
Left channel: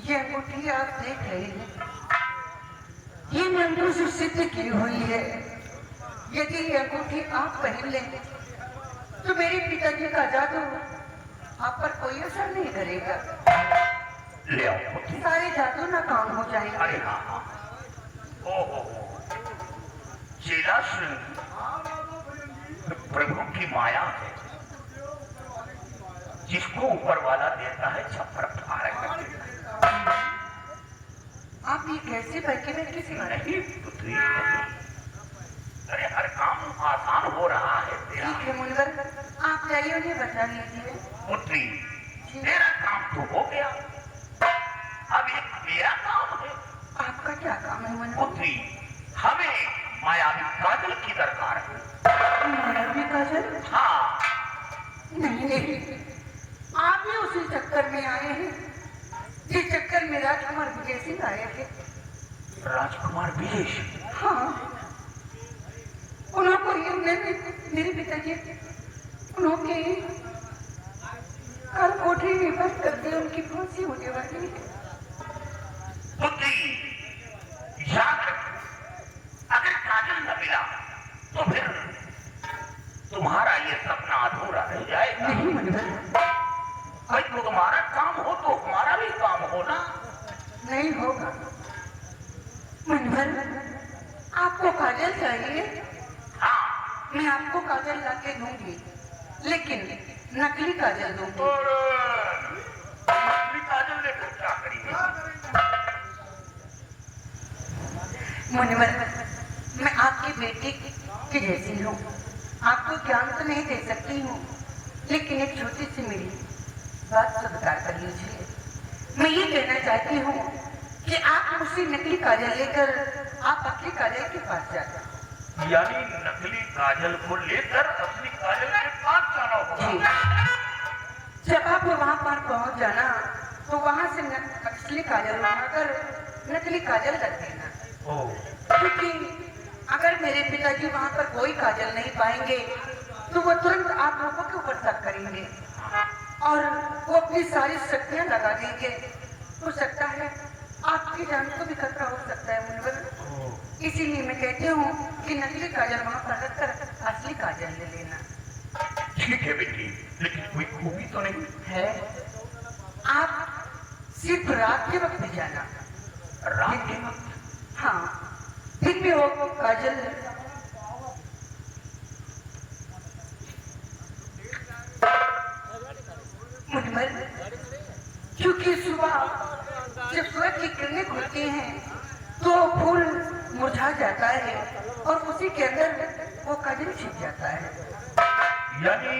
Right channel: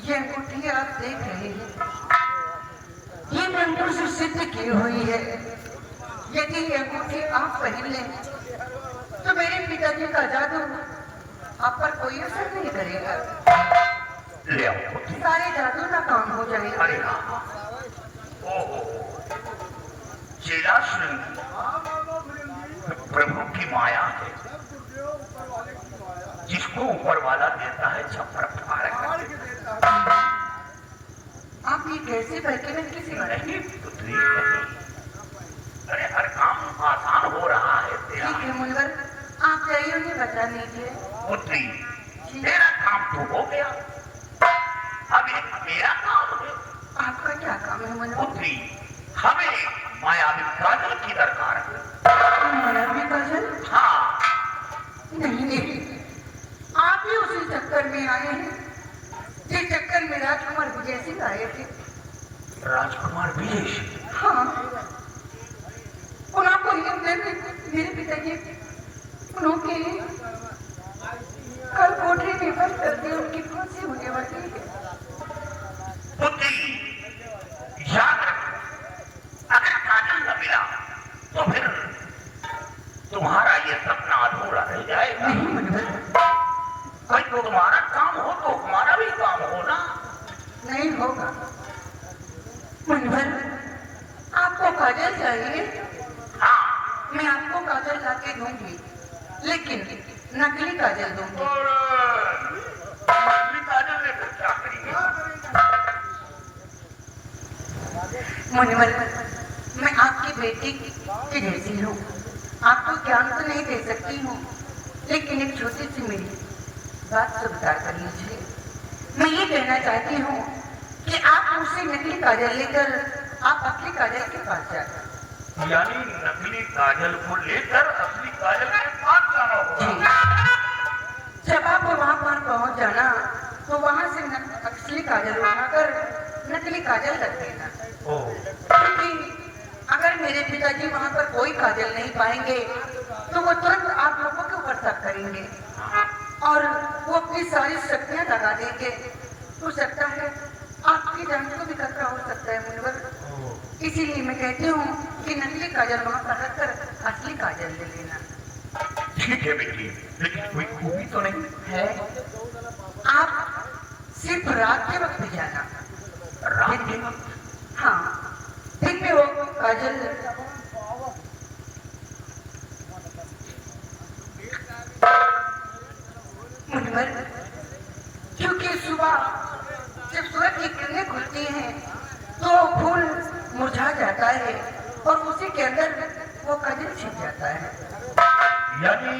ये अंगूठी आप देख रहे हैं, ये मंत्रों से सिद्ध की हुई है। यदि ये अंगूठी आप पहन लें तो मेरे पिताजी का जादू आप पर कोई असर नहीं करेगा। ले आओ पुत्री। सारे जादू नाकाम हो जाएंगे। अरे हाँ, ओहो, चेला सुरंगी प्रभु की माया है, जिसको ऊपर वाला देता है छप्पर फाड़ के। आप ये कैसे करके मैं किसी नहीं पुत्री, नहीं। अरे हर काम आसान हो रहा है तेरा। ठीक है मुनिवर, आप जाइए उन्हें बचा लीजिए। पुत्री, तेरा काम तो हो गया, अब एक मेरा काम है। आपका क्या काम है मुनिवर? पुत्री, हमें मायावी काजल की दरकार है। मायावी काजल? हाँ, नहीं, आप भी उसी चक्कर में आए हैं जिस चक्कर में राजकुमार विजय सिंह आए थे। राजकुमार विजय सिंह? हाँ, उनको ये मेरे पिताजी उन्होंने कल कोठरी में बंद करके उनकी फांसी होने वाली है। पुत्री, याद रखो, अगर काजल न मिला तो फिर तुम्हारा ये सपना अधूरा रह जाएगा। नहीं मुनिवर, कल तो तुम्हारा काम हो तो हमारा भी काम हो ना। नहीं होगा मुनिवर, आपको काजल चाहिए? हाँ, मैं आपको काजल ला के दूंगी, लेकिन नकली काजल दूंगी। और नकली काजल लेकर क्या करेंगे? मुनिवर, मैं आपकी बेटी की जैसी हूँ, आपको ज्ञान तो नहीं दे सकती हूँ, लेकिन एक छोटी सी मेरी बात स्वीकार कर लीजिए। मैं ये कहना चाहती हूँ कि आप मुझसे नकली काजल लेकर आप असली काजल के पास जाकर। यानी नकली काजल को लेकर असली काजल के पास जाना जी, होगा। जब आप वहाँ पर पहुँच जाना तो वहाँ से असली काजल उठाकर नकली काजल रख देना। क्योंकि अगर मेरे पिताजी वहाँ पर कोई काजल नहीं पाएंगे तो वो तुरंत आप लोगों के ऊपर शक करेंगे और वो अपनी सारी शक्तियाँ लगा देंगे। हो सकता है आपकी जान को भी खतरा हो सकता है मुनिवर। इसीलिए मैं कहती हूँ कि नकली काजल वहाँ पर रखकर असली काजल ले लेना। ठीक है बेटी, लेकिन कोई खूबी तो नहीं है? आप सिर्फ रात के वक्त जाना। रात के वक्त? हाँ, दिन में वो काजल मुनिवर, क्योंकि सुबह जब सूरज की किरणें खुलती हैं तो फूल मुरझा जाता है और उसी के अंदर वो काजल छिप जाता है। यानी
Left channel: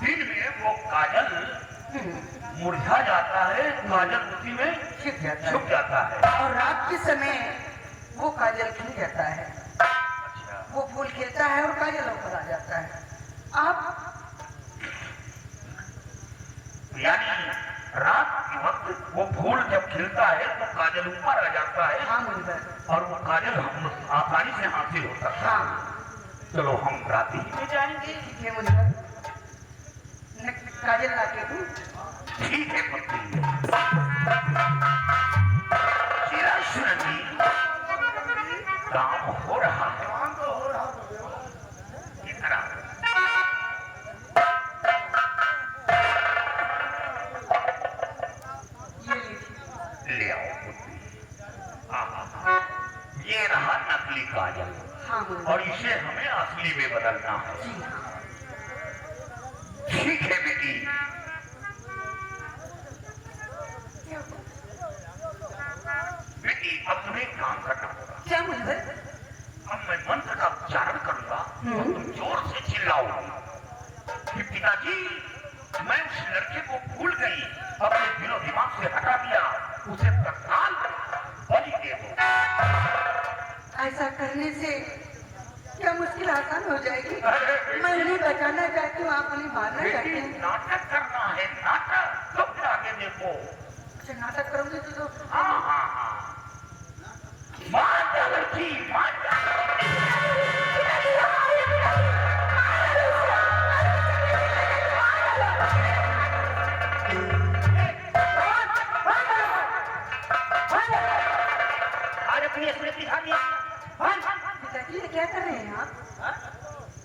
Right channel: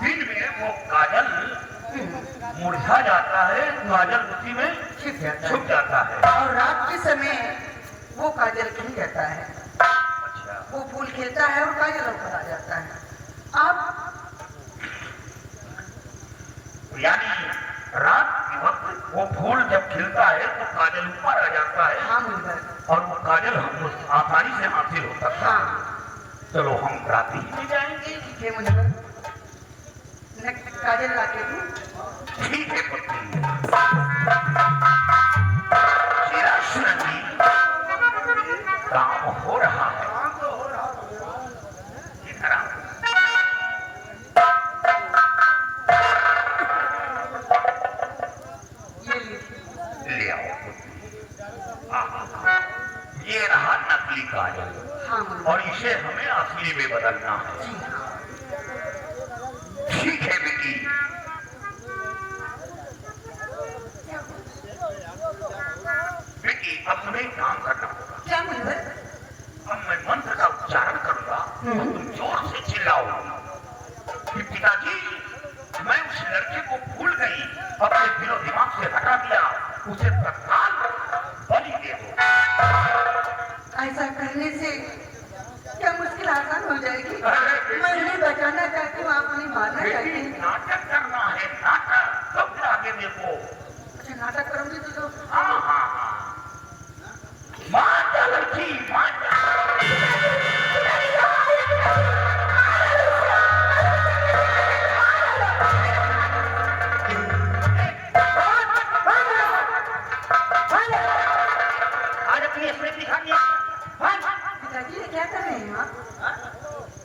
दिन में वो काजल मुरझा जाता है, काजल उसी में छिप जाता छुप है जाता है। और रात के समय वो काजल खिल जाता है, अच्छा, वो फूल खिलता है और काजल ऊपर आ जाता है। आप यानी रात के वक्त वो फूल जब खिलता है तो काजल ऊपर आ जाता है हाँ मुनिवर, और वो काजल हम आसानी से हासिल हो सकता है। हाँ चलो हम राती में जाएंगे। ठीक है मुनिवर, मैं काजल ला के दूं? ठीक है पुत्री। चिराशरण जी, काम हो रहा है। इधर आओ। ये लीजिए। ले आओ पुत्री। हाँ, ये रहा नकली काजल हाँ मुनिवर, और इसे हमें असली में बदलना है। जी हाँ। ठीक है बेटी। बेटी अब तुम्हें एक काम करना होगा। क्या मुनिवर? अब मैं मंत्र का उच्चारण करूंगा और तुम जोर से चिल्लाओगी कि पिताजी, मैं उस लड़के को भूल गई, अपने दिलो दिमाग से हटा दिया, उसे तत्काल बलि दे दो। ऐसा करने से क्या मुश्किल आसान हो जाएगी? मैं उन्हें बचाना चाहती हूँ, आप उन्हें मारना चाहते बेटी हैं। नाटक करना है, नाटक कब आगे देखो। अच्छा नाटक करूंगी तो हाँ हाँ हाँ, मार जा लड़की, मार जा। आज अपनी असलियत दिखा दिया। पिताजी ये क्या कर रहे हैं आप?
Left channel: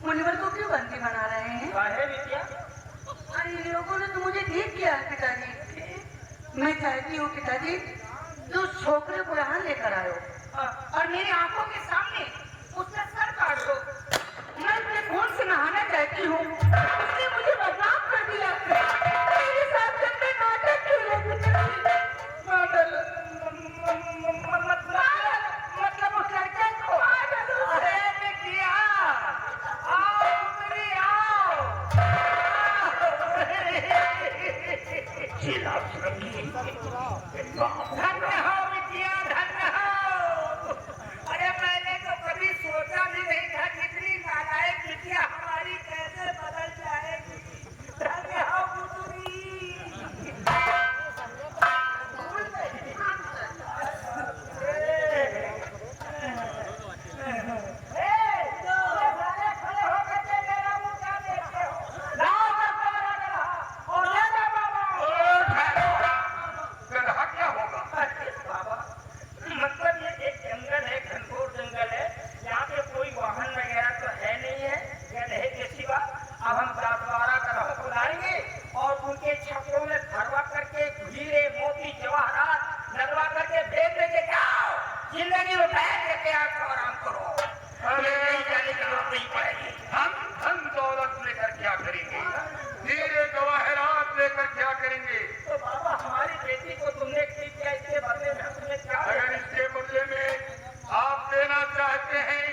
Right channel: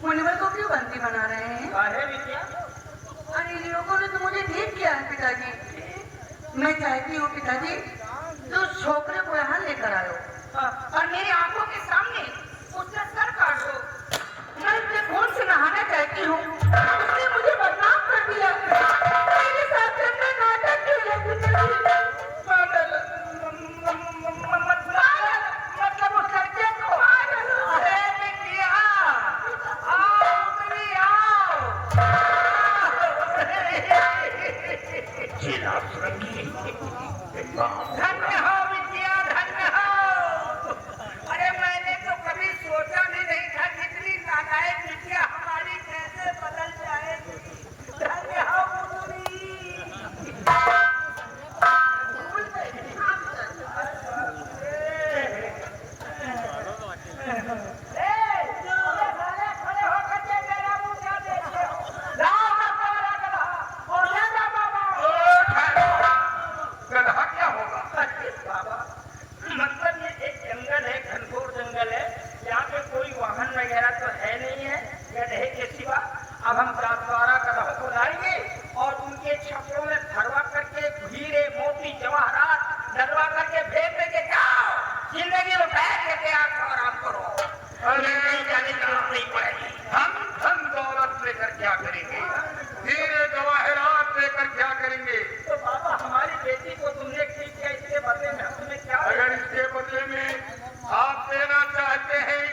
मुनिवर को क्यों बंदी बना रहे हैं? अरे इन लोगों ने तो मुझे ठीक किया है पिताजी। मैं चाहती हूँ पिताजी, तो छोकरे को यहाँ लेकर आयो और मेरी आंखों के सामने उसका सर काट दो। मैं उसके खून से नहाना चाहती हूँ। उसने मुझे बदनाम कर दिया। मेरे साथ में नाटक क्यों है पिताजी? मतलब उस लड़के को? अरे बिटिया, आओ उतरी आओ। धन्य हो बिटिया, धन्य हो। अरे मैंने तो कभी सोचा भी नहीं था कितनी नालायक बिटिया हमारी कैसे बदल जाएगी। धन्य हो पुत्री। खड़े होकर के मेरा मुंह क्या देखते हो? गधा क्या होगा? बाबा, मतलब ये एक जंगल है, घनघोर जंगल है, यहाँ पे कोई वाहन वगैरह तो है नहीं है गधे के सिवा। अब हम 10-12 गधों को लाएंगे और उनके छपड़ों में भरवा करके हीरे मोती जवाहरात डलवा करके भेज देंगे। जाओ, जिंदगी में बैठ करके आकर आराम करो। अरे कहीं जाने की जरूरत नहीं पड़ेगी। हम धन दौलत लेकर क्या करेंगे? हीरे जवाहरात लेकर क्या करेंगे? तो बाबा हमारी बेटी को तुमने ठीक किया, इसके बदले में हमें क्या अगर इसके बदले में आप देना चाहते हैं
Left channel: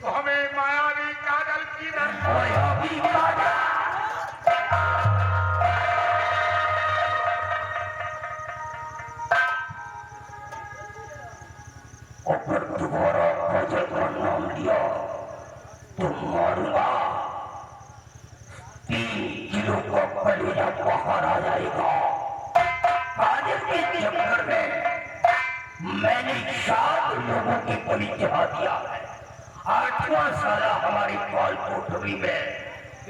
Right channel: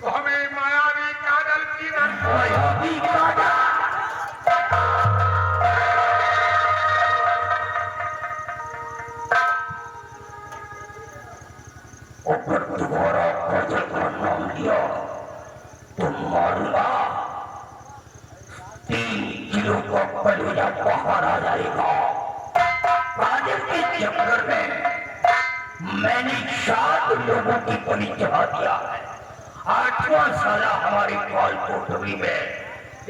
तो हमें मायावी काजल की मायावी अगर दोबारा काजल का नाम लिया तो मारूंगा। 3 किलो का कलेजा बाहर आ जाएगा। काजल के चक्कर में मैंने 7 लोगों की बलि चढ़ा दिया है। 8वां साला हमारी काल कोठरी में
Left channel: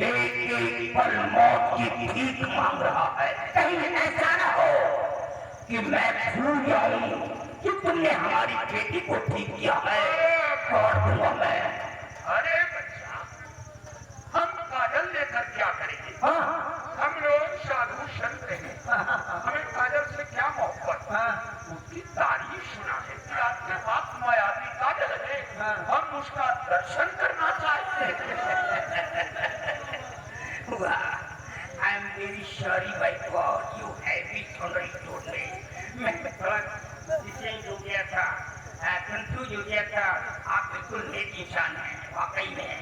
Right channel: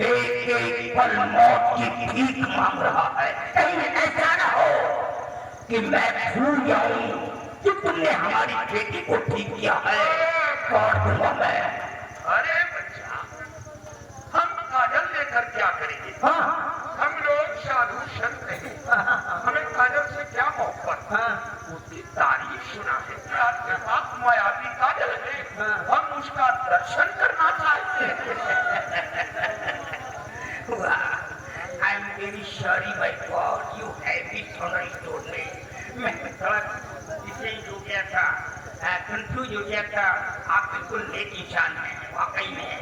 एक पल मौत की भीख मांग रहा है। कहीं ऐसा ना हो कि मैं भूल जाऊं कि तुमने हमारी बेटी को ठीक किया है। काट दूंगा मैं। अरे बच्चा, हम काजल लेकर क्या करेंगे? हम लोग साधु संत हैं, हमें काजल से क्या मोहब्बत। उसकी तारीफ सुना है कि आपके पास मायावी काजल है, हम उसका दर्शन करना चाहते हैं। I am very sorry my God, you have it already told me. मैं थोड़ा इसे हो गया था। कंफ्यूज हो गया था। आप बिल्कुल नेक इंसान हैं वाकई में।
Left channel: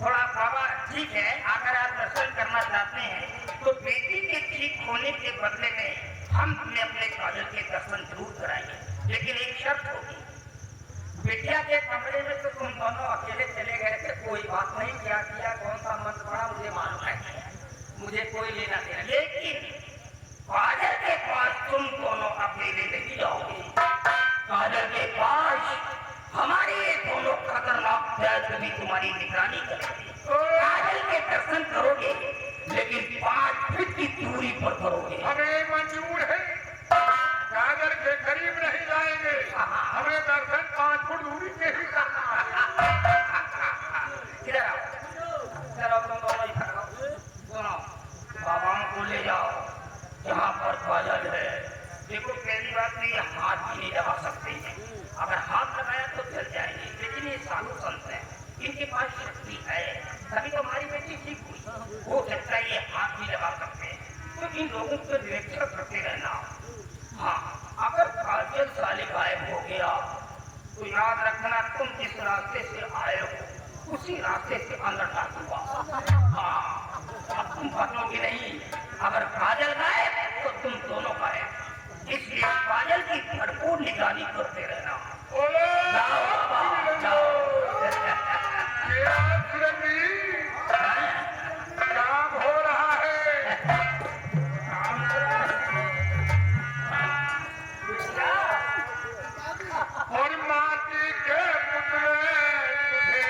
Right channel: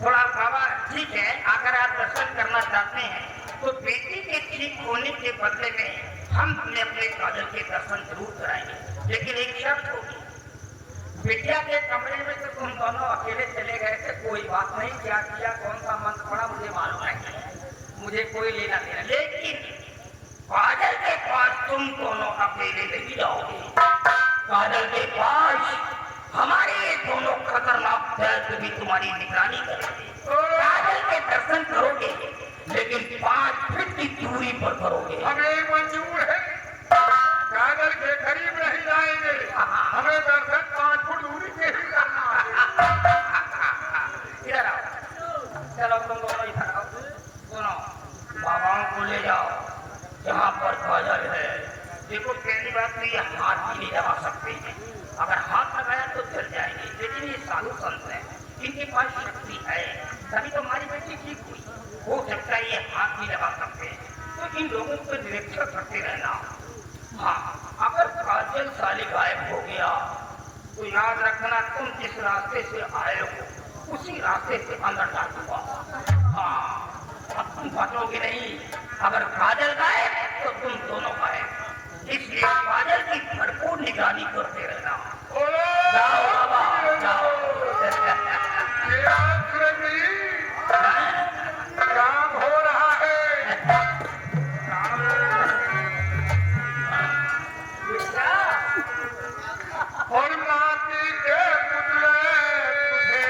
थोड़ा बाबा ठीक है, अगर आप दर्शन करना चाहते हैं तो बेटी के ठीक होने के बदले में हम अपने अपने काजल के दर्शन जरूर कराएंगे, लेकिन एक शर्त होगी। बिटिया के कमरे में तो तुम दोनों अकेले चले गए थे, कोई बात नहीं, क्या किया कौन सा मंत्र पड़ा मुझे मालूम नहीं, मुझे कोई लेना देना, लेकिन काजल के पास तुम दोनों अकेले नहीं जाओगे। काजल के पास हमारे दोनों खतरनाक दैत्य भी तुम्हारी निगरानी करेंगे। काजल के दर्शन करोगे, लेकिन 5 फीट की दूरी पर करोगे। हमें मंजूर है, काजल के करीब नहीं जाएंगे, हमें दर्शन 5 फुट दूरी से ही करना है। इधर आओ, चलो तुम दोनों इधर आओ, दोनों बाबाओं को ले जाओ जहाँ पर काजल है। देखो पहली बात तो ये हाथ भी नहीं लगा सकते हैं, अगर हाथ लगाया तो जल जाएंगे, लेकिन ये साधु संत है, इनके पास शक्ति है, तभी तो हमारी बेटी ठीक हुई। हो सकता है ये हाथ भी लगा सकते हैं, तो इन लोगों को निरीक्षण करते रहना। हाँ, अगर काजल साले गायब हो गया तो याद रखना, तुम जिस रास्ते से आए हो उसी रास्ते से अंदर डाल दूंगा। हाँ, अब तुम फटोगे नहीं, अगर काजल गायब तो तुम दोनों गायब, इसलिए काजल की भरपूर निगरानी करते रहना। जाओ बाबा जाओ। ये आपसे भी काम हो रहा है। और माटी के टुकड़े तुझे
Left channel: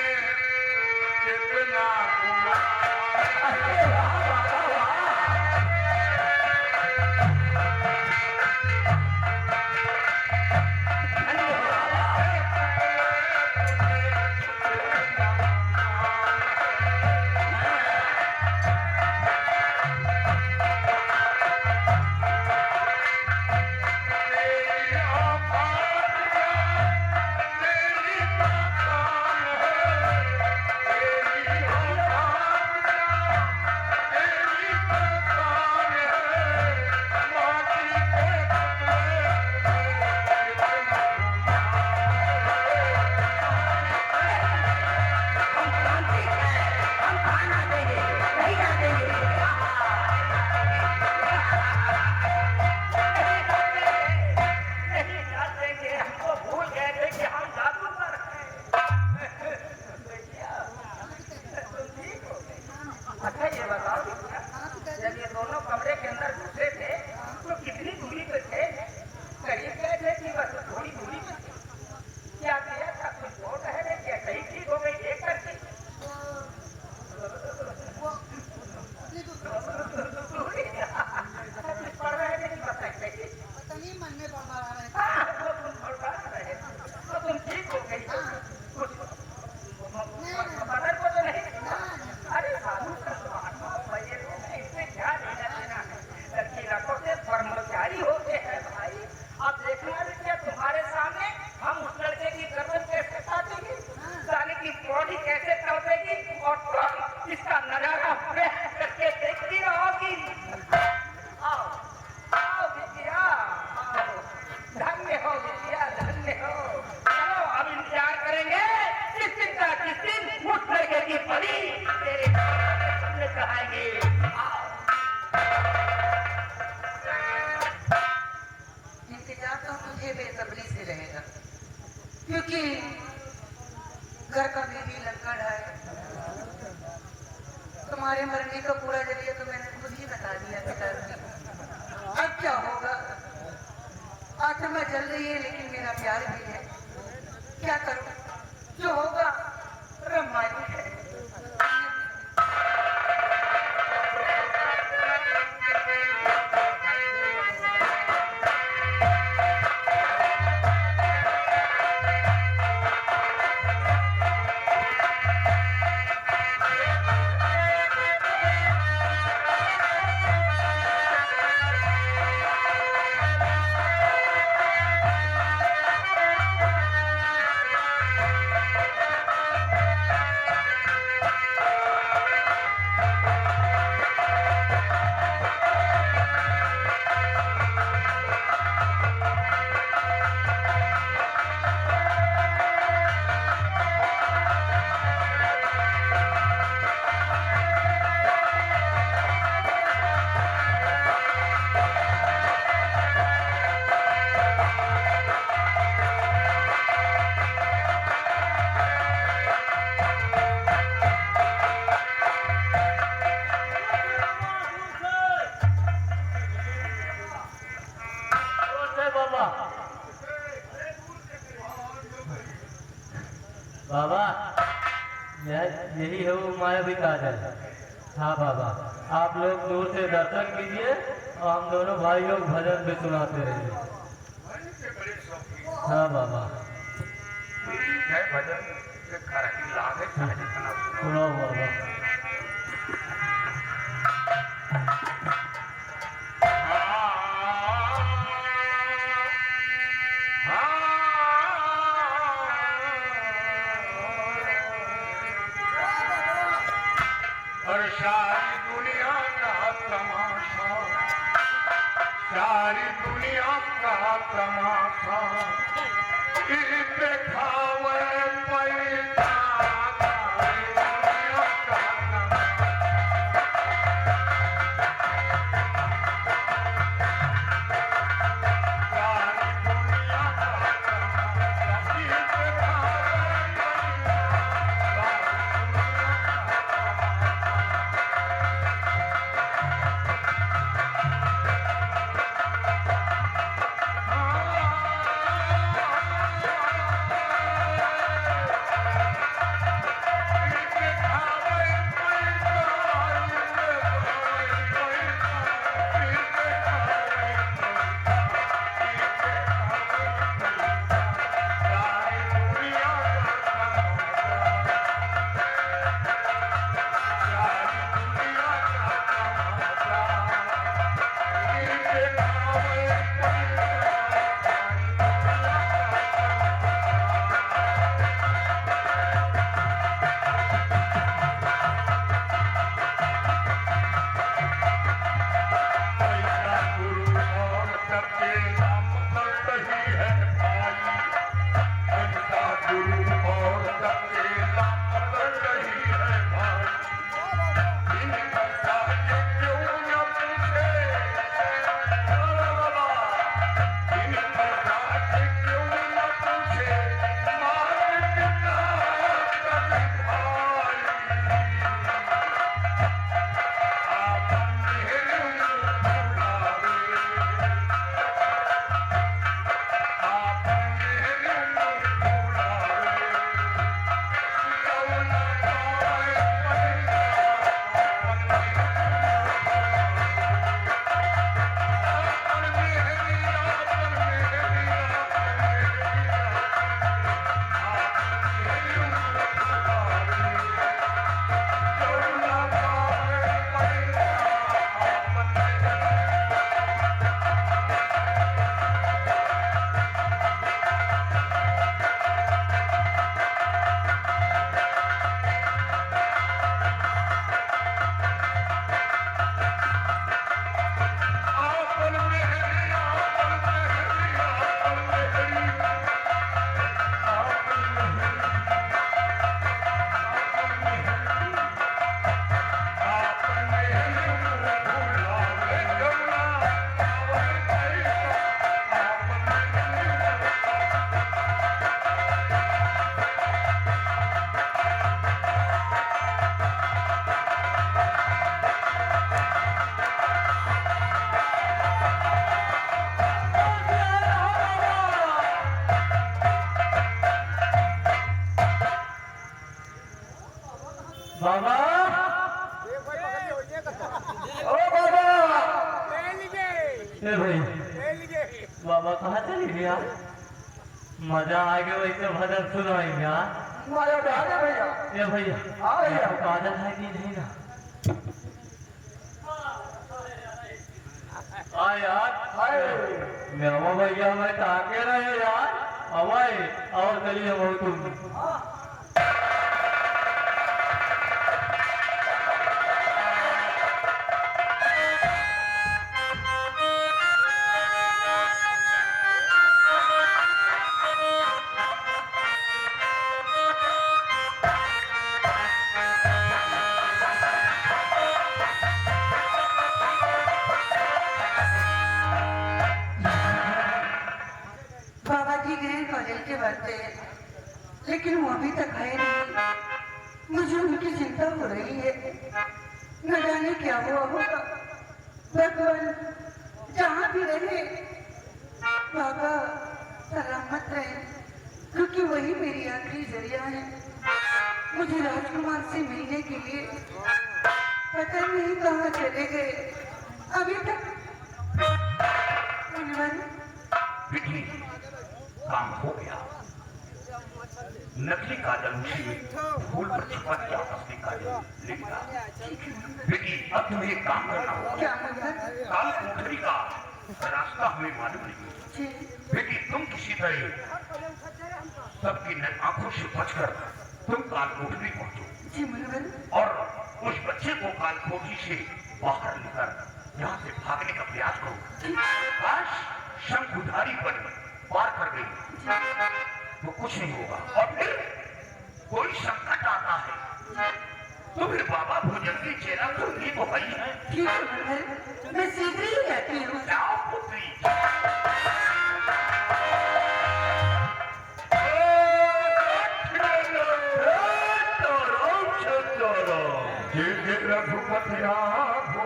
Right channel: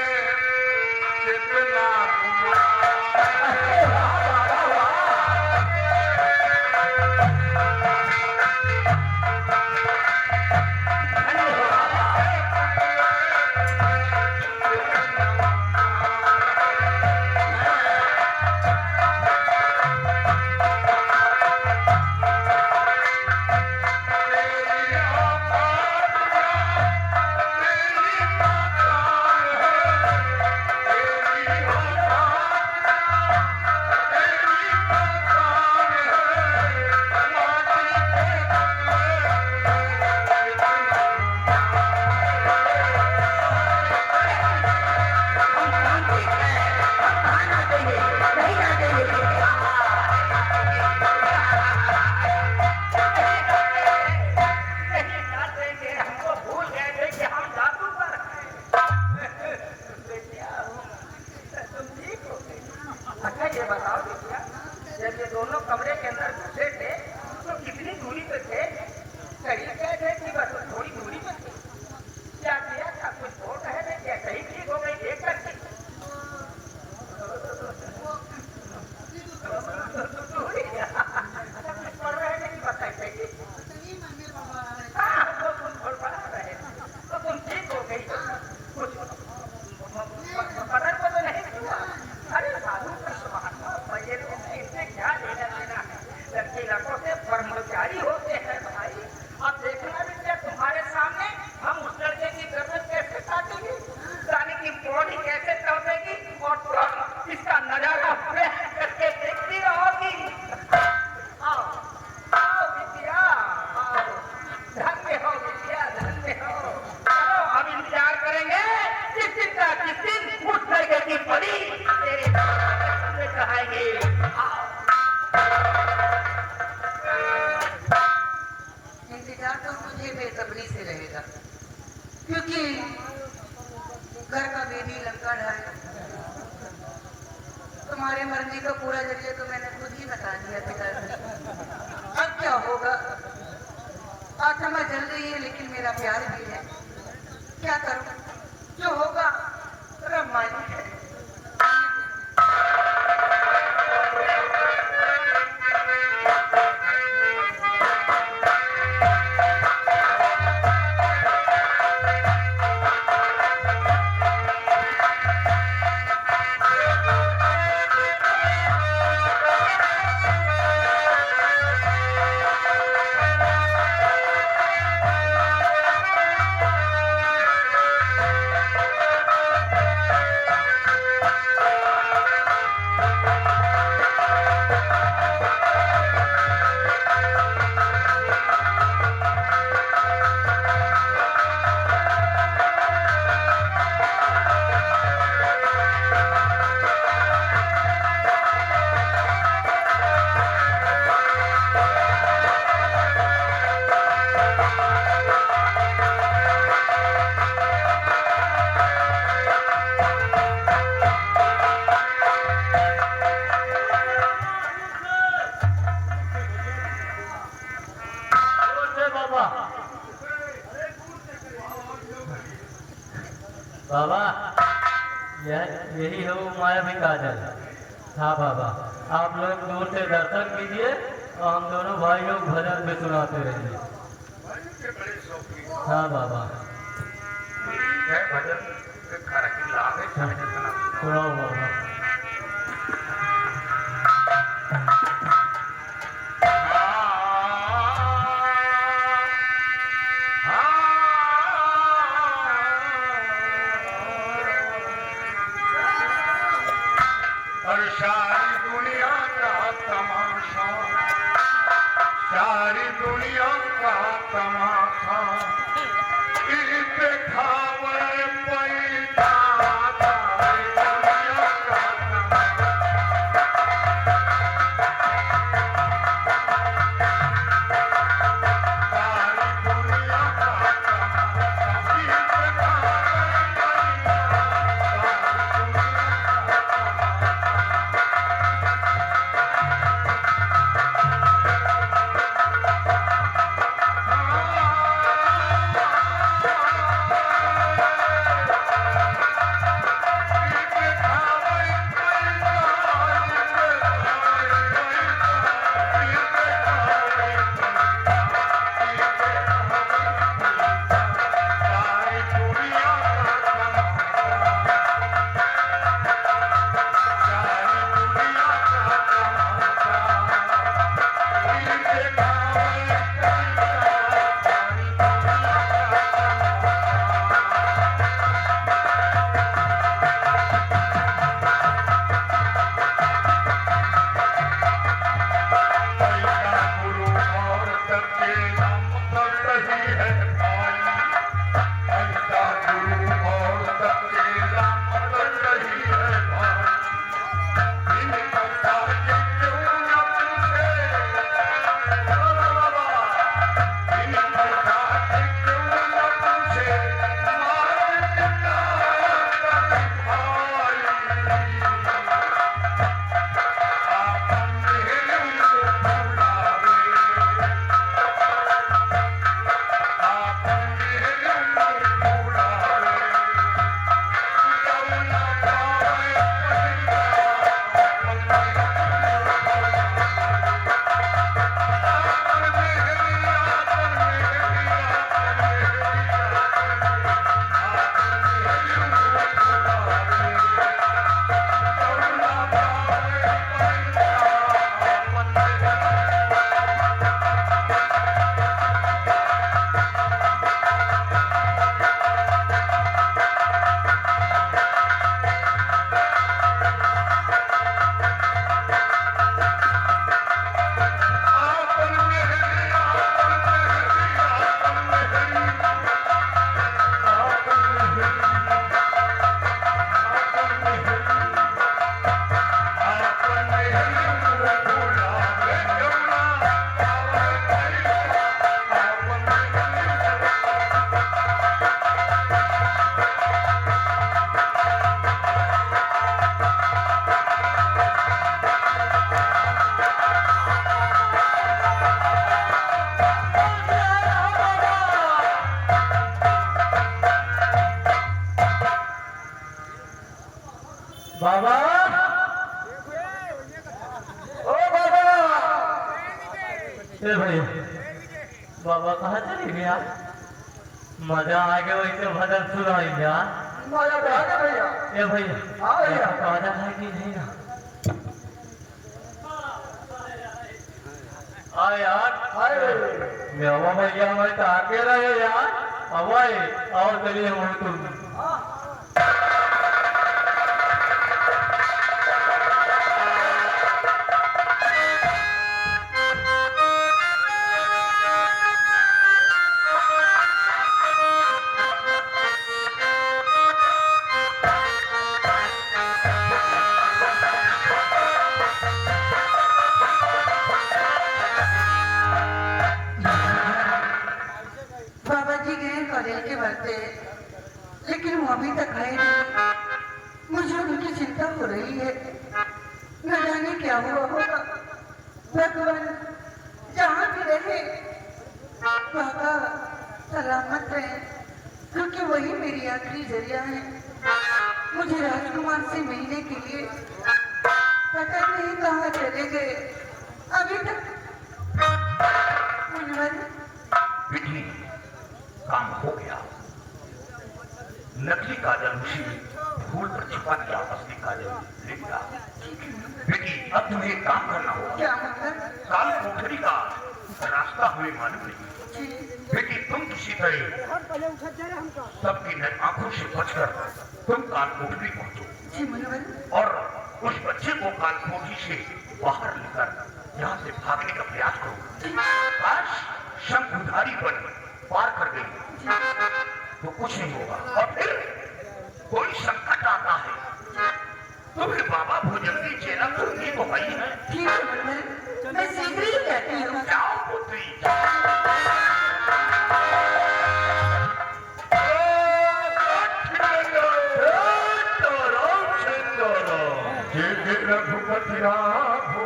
कितना घुमाए। अच्छा ये बताओ बेटिया, जब ये दोनों कमरे के अंदर घुसे थे तो कितनी दूरी पे थे? करीब गए थे कि बस थोड़ी दूरी पे थे? क्या किया था? कुछ वो कहे क्या सही ठीक हो गई देख करके? तो तुम ठीक हो गई, कुछ पता को तो नहीं? अरे साधु ये लोग इससे क्या लेना देना? लड़की लड़कों से कर्मचारी होते हैं भाई। आप देखना भी क्या तुम्हारे सामने हम उस लड़के की गर्दन कैसे काटेंगे, साले की बॉडी कैसे तड़पेगी, और इसका नजारा करके देखती रहोगी। आओ आओ बिटिया, आओ, धन्य हो बिटिया, धन्य हो। चलो अब इंतजार करेंगे किस दिन का, किस दिन उस लड़के की परी तेरे कहाएंगे। इंतजार तो मुझे बेसब्री से रहेगा, क्योंकि घर का बेबी लंका है। तुम्हारे मरने का पूरा जरिया तो मैंने खुद ही बता दिया पिताजी। अब क्या होगा? आत्मा जल रही है लेकिन मेरा प्यार भी है। क्या करूं? जो होगा रब मालिक है। यही है वो मायावी काजल। हाँ बाबा, आप लोग दूर से दर्शन कीजिए और हम दोनों भाई लोग भजन भी सुनाते रहिए। भजन के बड़े शौकीन। हाँ बाबा, ठीक है, भजन के घर की लाभ है, चाहे जितना सुनो। सुनो बाबा। और सारी दुनिया का तमाशा, सारी दुनिया का तमाशा दिखावे पैसा, सारी दुनिया का तमाशा। सारी दुनिया का तमाशा दिखावे पैसा, सारी दुनिया का बाबा, ओ बाबा, ए भैया, बाबा कहाँ चली गया? मजा आ गया वैसे भजन सुनाएंगे यार। ए भैया, आपको काजल है कि नहीं ना? आ यार, मैं भैया मैं ताके रहे यार। अवाई और चलिए हम तुम। बाबा जी गए कॉलेज के बातें, लेकिन वो अभी तक है नहीं। मुझे उनकी चिंता हो रही है, न जाने क्या हुआ होगा। भगवान जहाँ भी रहे बाबा सलामत रहे, क्योंकि वही मेरी आखिरी जरिया है। मुझे राजकुमार से मिलने के लिए पता नहीं कहाँ चले गए अभी तक। मुनवर, बेटी काम हो गया। नकली काजल उसी फूल पर छुपा के असली काजल ले लिया। बेटी अब तुम्हें एक काम करना होगा। क्या मुनवर? काल कोठरी का रास्ता हमें मालूम नहीं। जी, बेटी तुम किसी तरह सबकी आंखों से बचकर तुम काल कोठरी पहुंचो जी मुनवर। और उस बच्चे को काल कोठरी से बाहर लेकर यहाँ से भागने का प्रयास करो। काश शंखधारी पर पार कर गई तो कुछ नहीं होगा, और फिर कोई संकट आता है तुम्हें बाबा भोजन की चेला तो नहीं तो भाई है। ठीक है मुनवर, मैं शीघ्र ही कहती हूँ। जाओ पुत्री। रघुपति राघो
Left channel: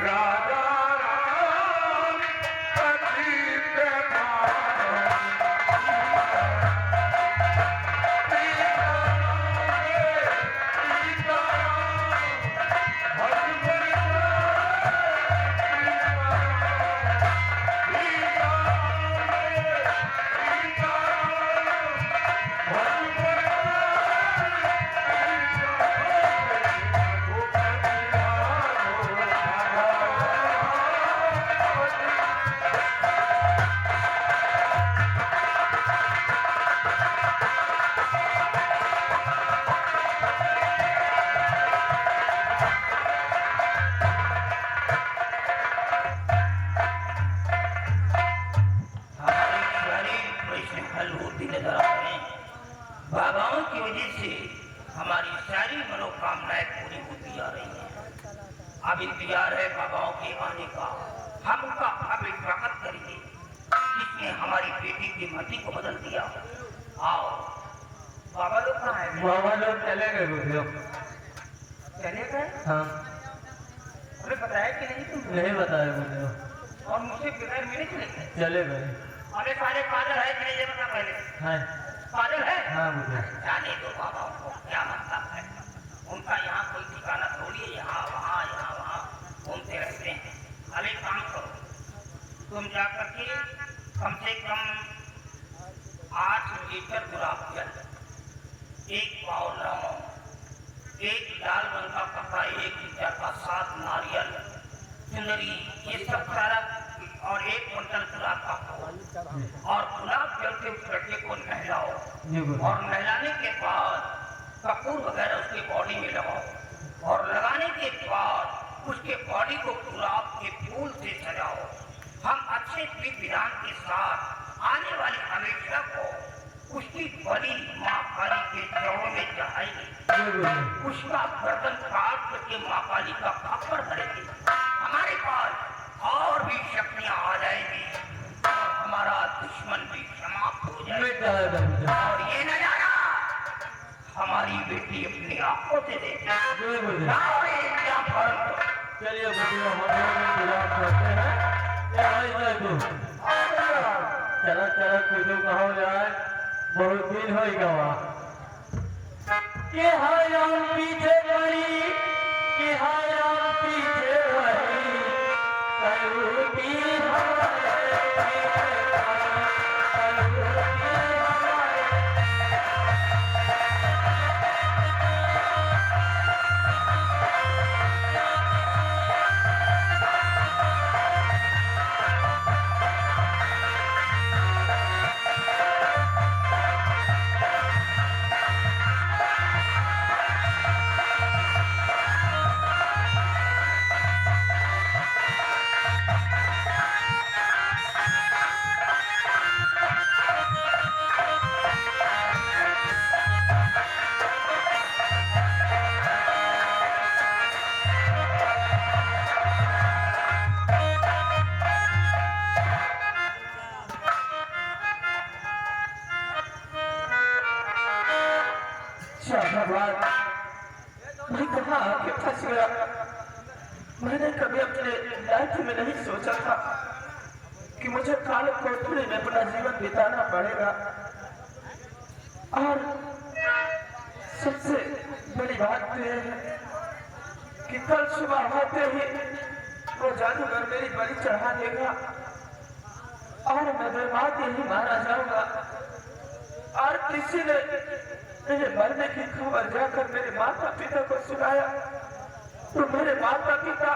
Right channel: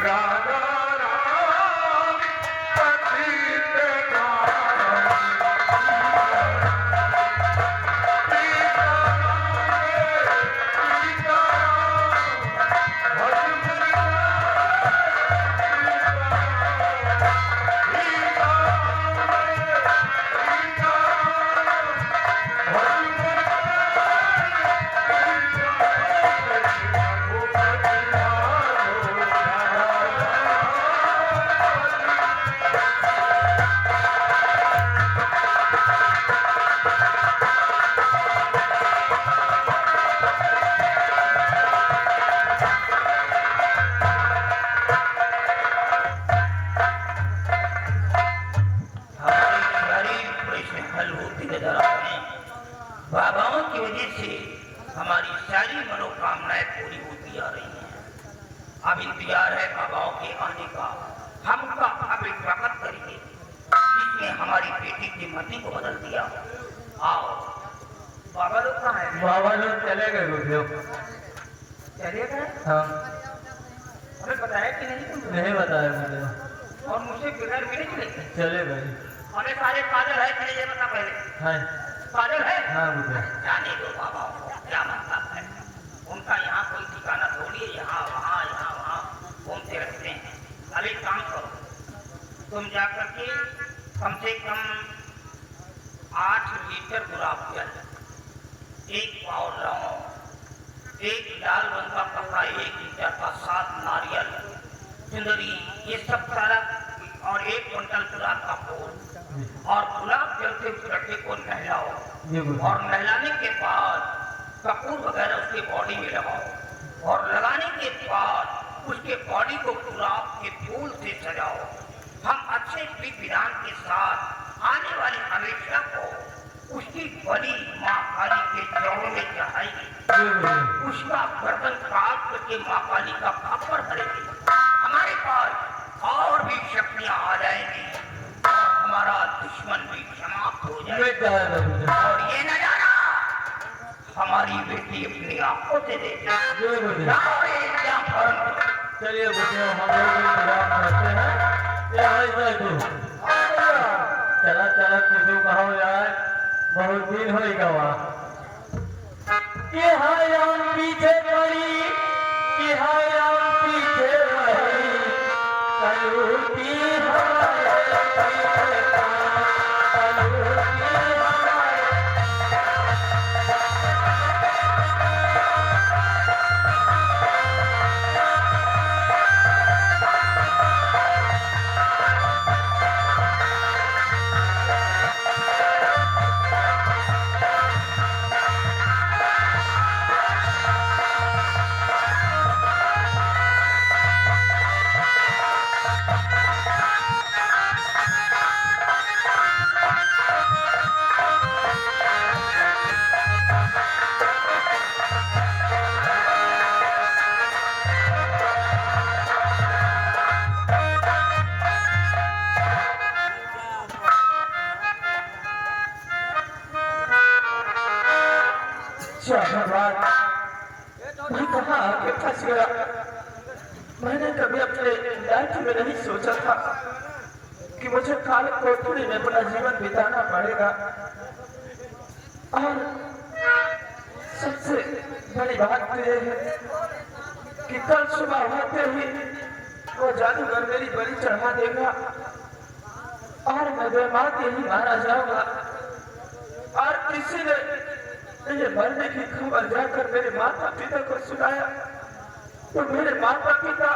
राजा राम पतित पावन। बाबाओं की वजह से हमारी सारी मनोकामनाएं पूरी होती आ रही हैं। अब इंतजार है बाबाओं के आने का। हम उनका भाग्य स्वागत करेंगे जिसने हमारी बेटी की मति को बदल दिया। आओ। बाबा लोग कहाँ हैं? बाबा लोग चले गए बुढ़ियों। चलिए सर, हाँ, हमें बताया कि नहीं तुम? नहीं बताया बुढ़ियों, और मुझसे बिगड़ मेरे चले गए। चले गए। हमें सारे काजल है कि नहीं ये बता पहले। हाँ काजल है? हाँ बुढ़ियों। जाने दो बाबा को क्या मतलब है। उनका यहाँ कोई ठिकाना थोड़ी है। यहाँ वहाँ घूमते रहते हैं। अब एक काम करो, तुम जा करके कम से कम 8 लीटर गुलाब जल, 1 पाव लौंग, 1 लाल रंग का पत्ता, 1 लीटर का 7 नारियल, चुंदरी, ये सब सारा, और 1 क्विंटल गुलाब का फूल, और गुलाब जल से उस लड़के को नहलाओ। जी बुढ़ियों। और नहलाने के बाद कपूर वगैरह उसके बॉडी में लगाओ, और लगाने के बाद उसके बॉडी को गुलाब के फूल से सजाओ। हम अच्छे विधि विधान के साथ आने वाली हमेशा को उसकी बड़ी माँ काली के चौरों में चढ़ाएंगे। जी बुढ़ियों। उसका गर्दन काट करके माँ काली का खापर भरेंगे। हमारे पास और भी शक्तियाँ आ जाएंगी और हमारा दुश्मन भी समाप्त हो जाएगा। मिट जाएगा बुढ़ियों। और ये नजारा हमारी बेटी अपनी आंखों से देखेगी। जी बुढ़ियों। जाओ, ये क्या फर्क है? चलिए बुढ़ियों, हम लोग इंतजार करते हैं। ये भाई देखो, चला चला कुछ कहा जाए, बहुत दिन हो गवा। कि हम पीछे पड़ी, कि हम पीछे पड़ी, कलूटी हमारे पीछे पड़ी, कलूटी हमारे। भगवान, मैं कहाँ आके फंस गया। मैंने कभी अपने लाइफ में नहीं सोचा था कि मुझे काल कोठरी में अपना जीवन बिताना पड़ेगा, और सबसे बड़ी बात तो यह है कि कल सुबह होते ही वो जादूगर मेरी बलि चढ़ा देगा और मैं बेमात ही मारा जाऊंगा। और किसी ने मेरे मरने की खबर जाकर मेरे माता पिता को सुनाया तो मेरे माता पिता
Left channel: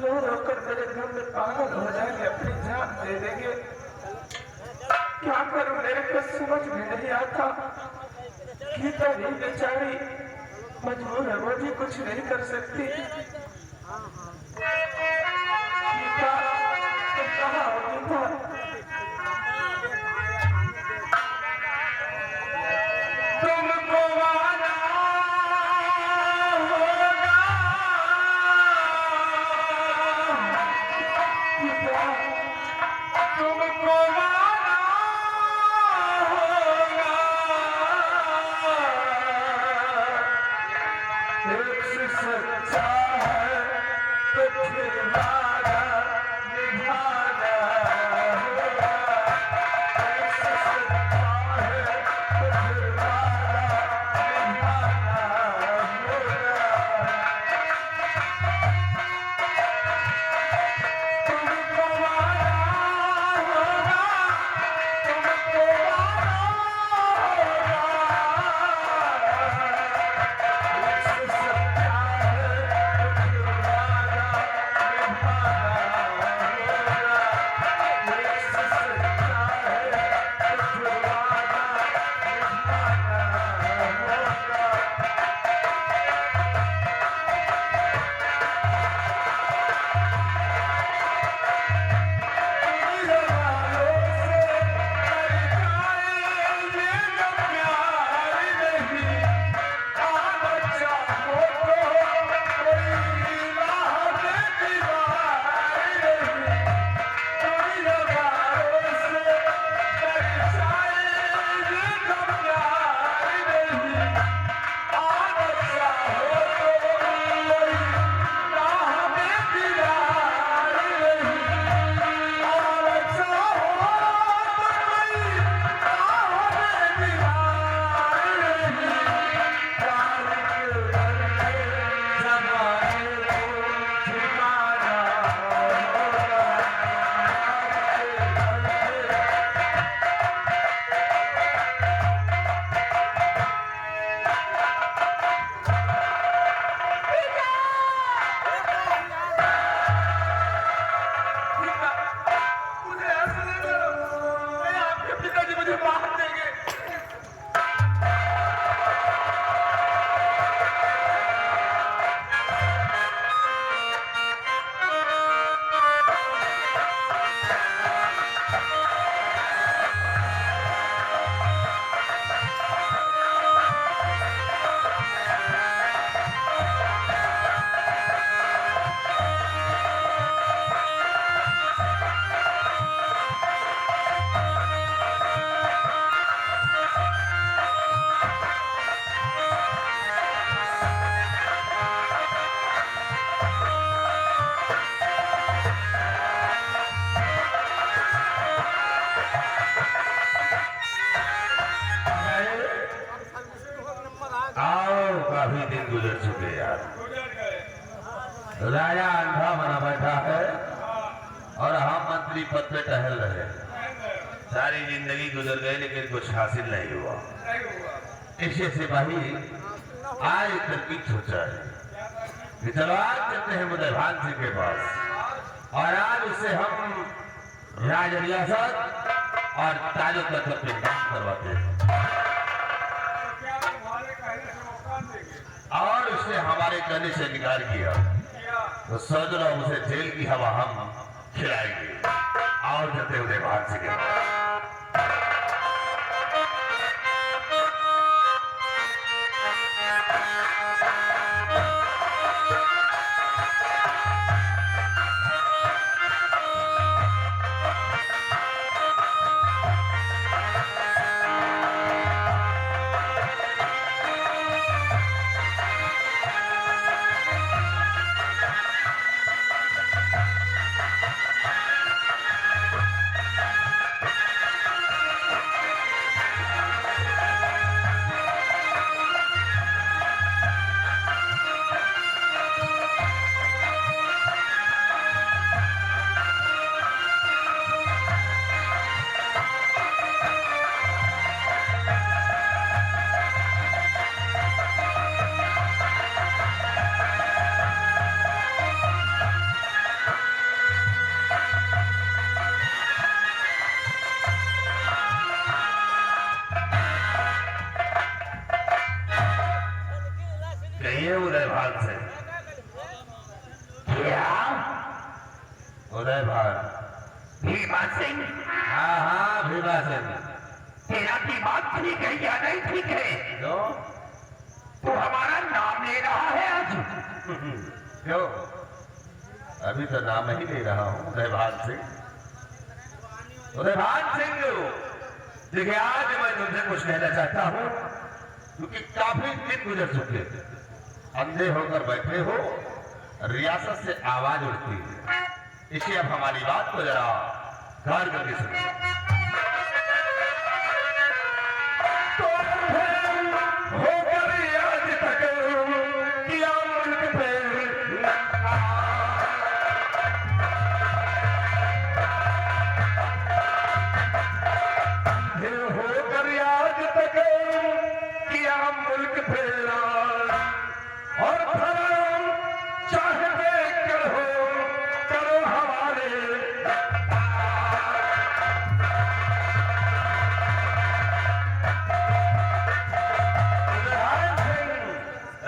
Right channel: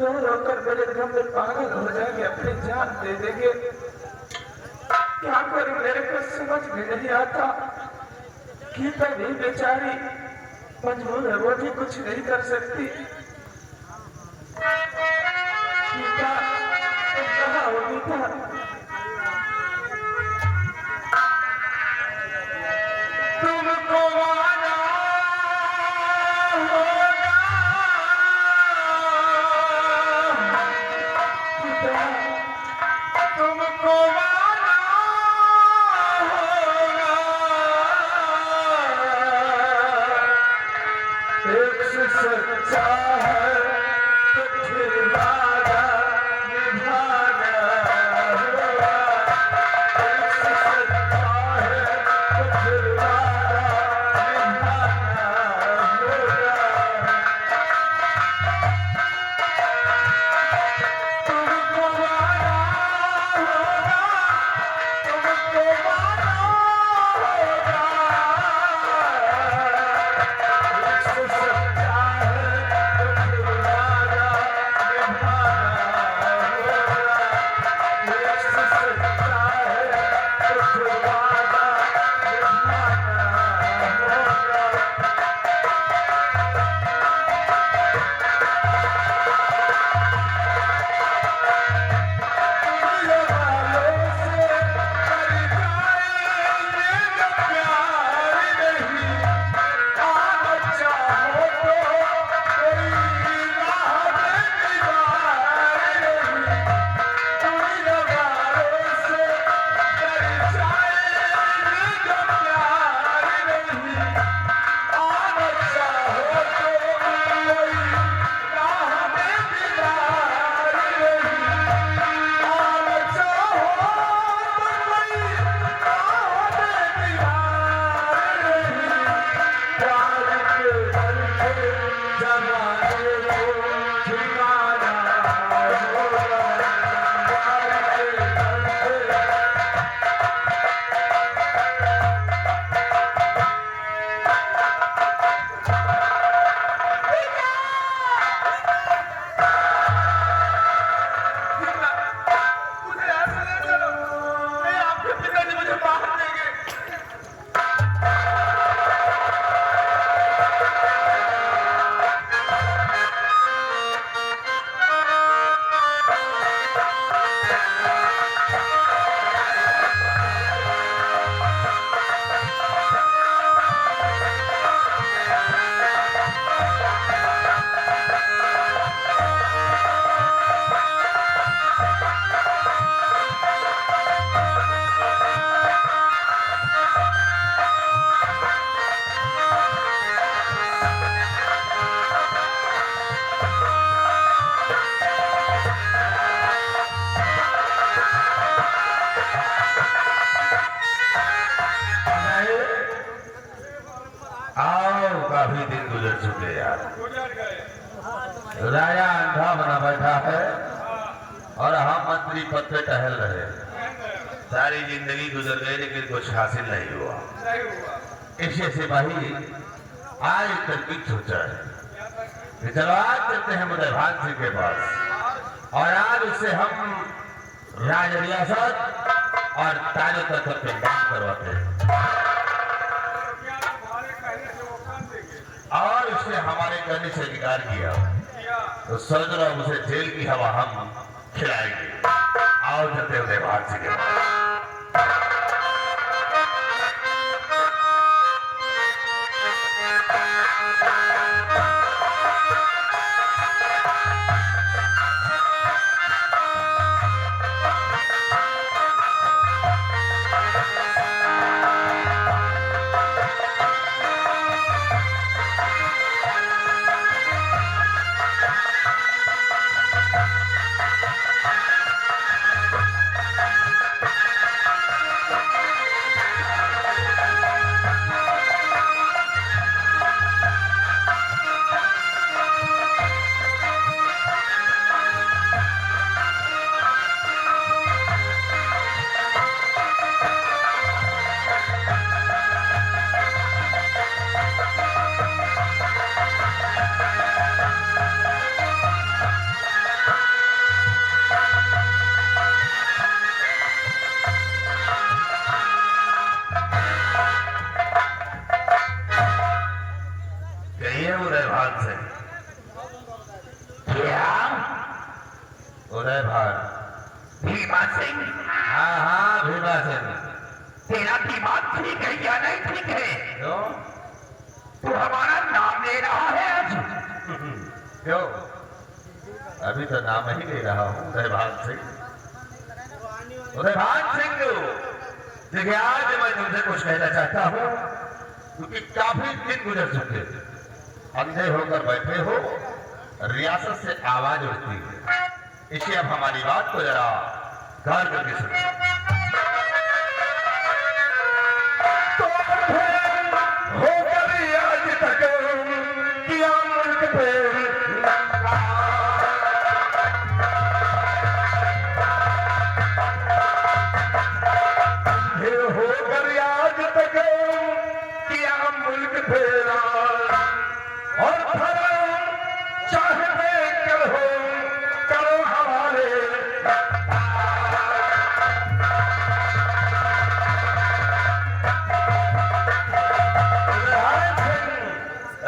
रो रो कर मेरे गम में पागल हो जाएंगे, अपनी जान दे देंगे। क्या करूं मेरे को समझ में नहीं आता। गीता भी बेचारी मजबूर है, वो भी कुछ नहीं कर सकती। गीता तुम कहाँ हो गीता? तुमको वादा होगा गीता, तुमको वादा होगा एक से सच्चा है तो फिर वादा निभाना होगा। एक से सच्चा है तो फिर वादा निभाना होगा। तुमको वादा होगा, तुमको वादा होगा। एक से सच्चा है तो फिर वादा निभाना होगा। एक से सच्चा है तो फिर वादा निभाना होगा। आओ, काफी दिन गुजर चुके यार। राजा अंधा बना बैठा है और हम मंत्री पद पे टहल रहे। सारी जिंदगी गुजर गई लेकिन कुछ हासिल नहीं हुआ। इससे सिपाही आज तरकीब सोचा है कि चलो आज चलते हैं मुदभान सिंह के पास और आज उससे हम राज रियासत और ताजो तक पे दान करवाते हैं और इसने हमारे कहने से इनकार किया तो सोच रहा हूं उसे जेल की हवा हम खिलाएंगे। आओ चलते हुए भाग सिंह के पास। कहिए उदय भान से। क्या? उदय भान? भीमा सिंह? हाँ हाँ भीमा सिंह। तेरा दिमाग ठीक है या नहीं ठीक है? क्यों? तू हमारा नाम ले रहा है आज? क्यों? अभी तो नाम ही ले रहा हूँ, उदय भान सिंह। उदय भान सिंह, देखिए आज मैं तुमसे कुछ कहना चाहता हूँ, क्योंकि काफी दिन गुजर चुके, अंधे होकर बैठे हो, रियासत से आवाज उठती है, इसलिए अब हमारी बात को जरा गौर करके सुनो।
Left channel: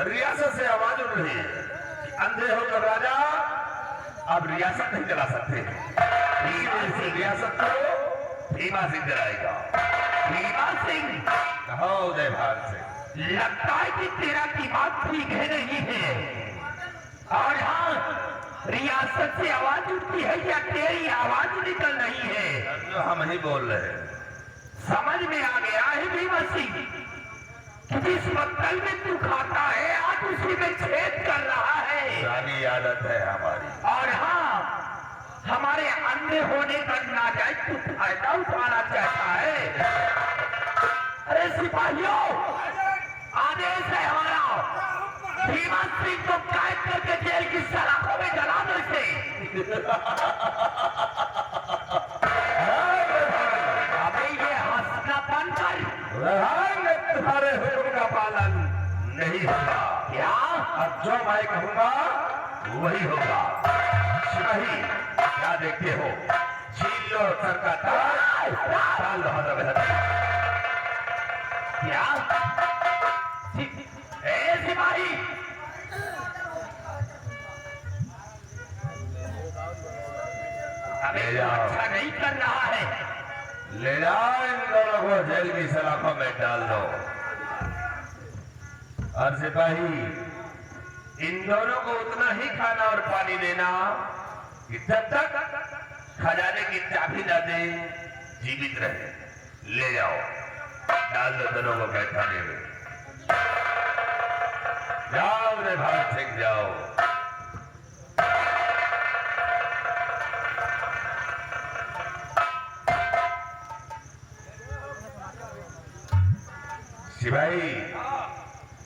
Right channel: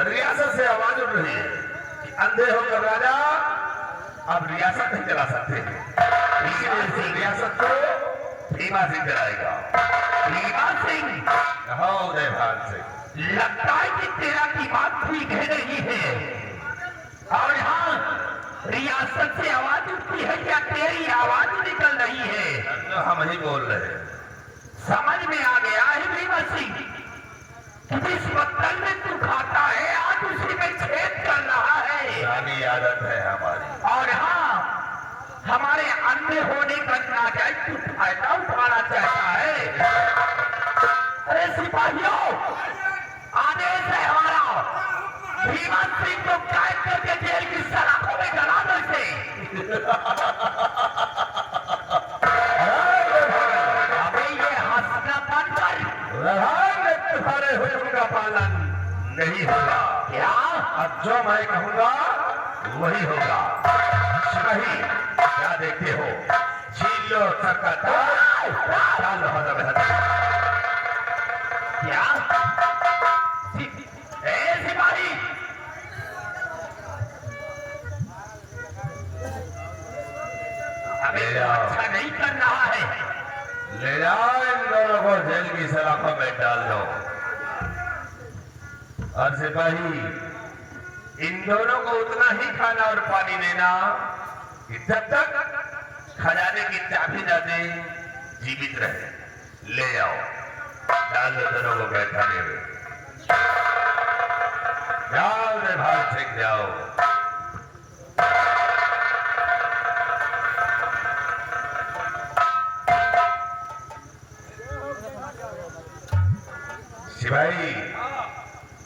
रियासत से आवाज उठ रही है कि अंधे होकर राजा अब रियासत नहीं चला सकते, इसी वजह से रियासत को भीमा सिंह चलाएगा। भीमा सिंह? कहो उदय भान सिंह। लगता है कि तेरा दिमाग ठीक है नहीं है। और हाँ, रियासत से आवाज उठती है या तेरी आवाज निकल रही है? तो हम ही बोल रहे हैं। समझ में आ गया है भीमा सिंह कि जिस पत्तल में तू खाता है आज उसी में छेद कर रहा है। पुरानी आदत है हमारी। और हाँ, हमारे अंधे होने का नाजायज तू फायदा उठाना चाहता है। अरे सिपाहियों, आदेश है हमारा, भीमा सिंह को कैद करके जेल की सलाखों में गला दो इसे। अबे ये हंसना बंद कर। तुम्हारे हुक्म का पालन नहीं होगा। क्या? अब जो मैं कहूंगा वही होगा। सिपाही, क्या देखते हो? छीन लो सर का ताज, डाल लो हद बेहद। क्या? सिपाही, ले जाओ, अच्छा नहीं कर रहा है। ले जाओ इन दोनों को जेल की सलाखों में डाल दो। और सिपाही, इन दोनों को उतना ही खाना और पानी देना कि जब तक खजाने की चाबी न दे जीवित रहे। ले जाओ, डाल दो दोनों को मैदाने में। जाओ रे भान सिंह, जाओ। सिपाही,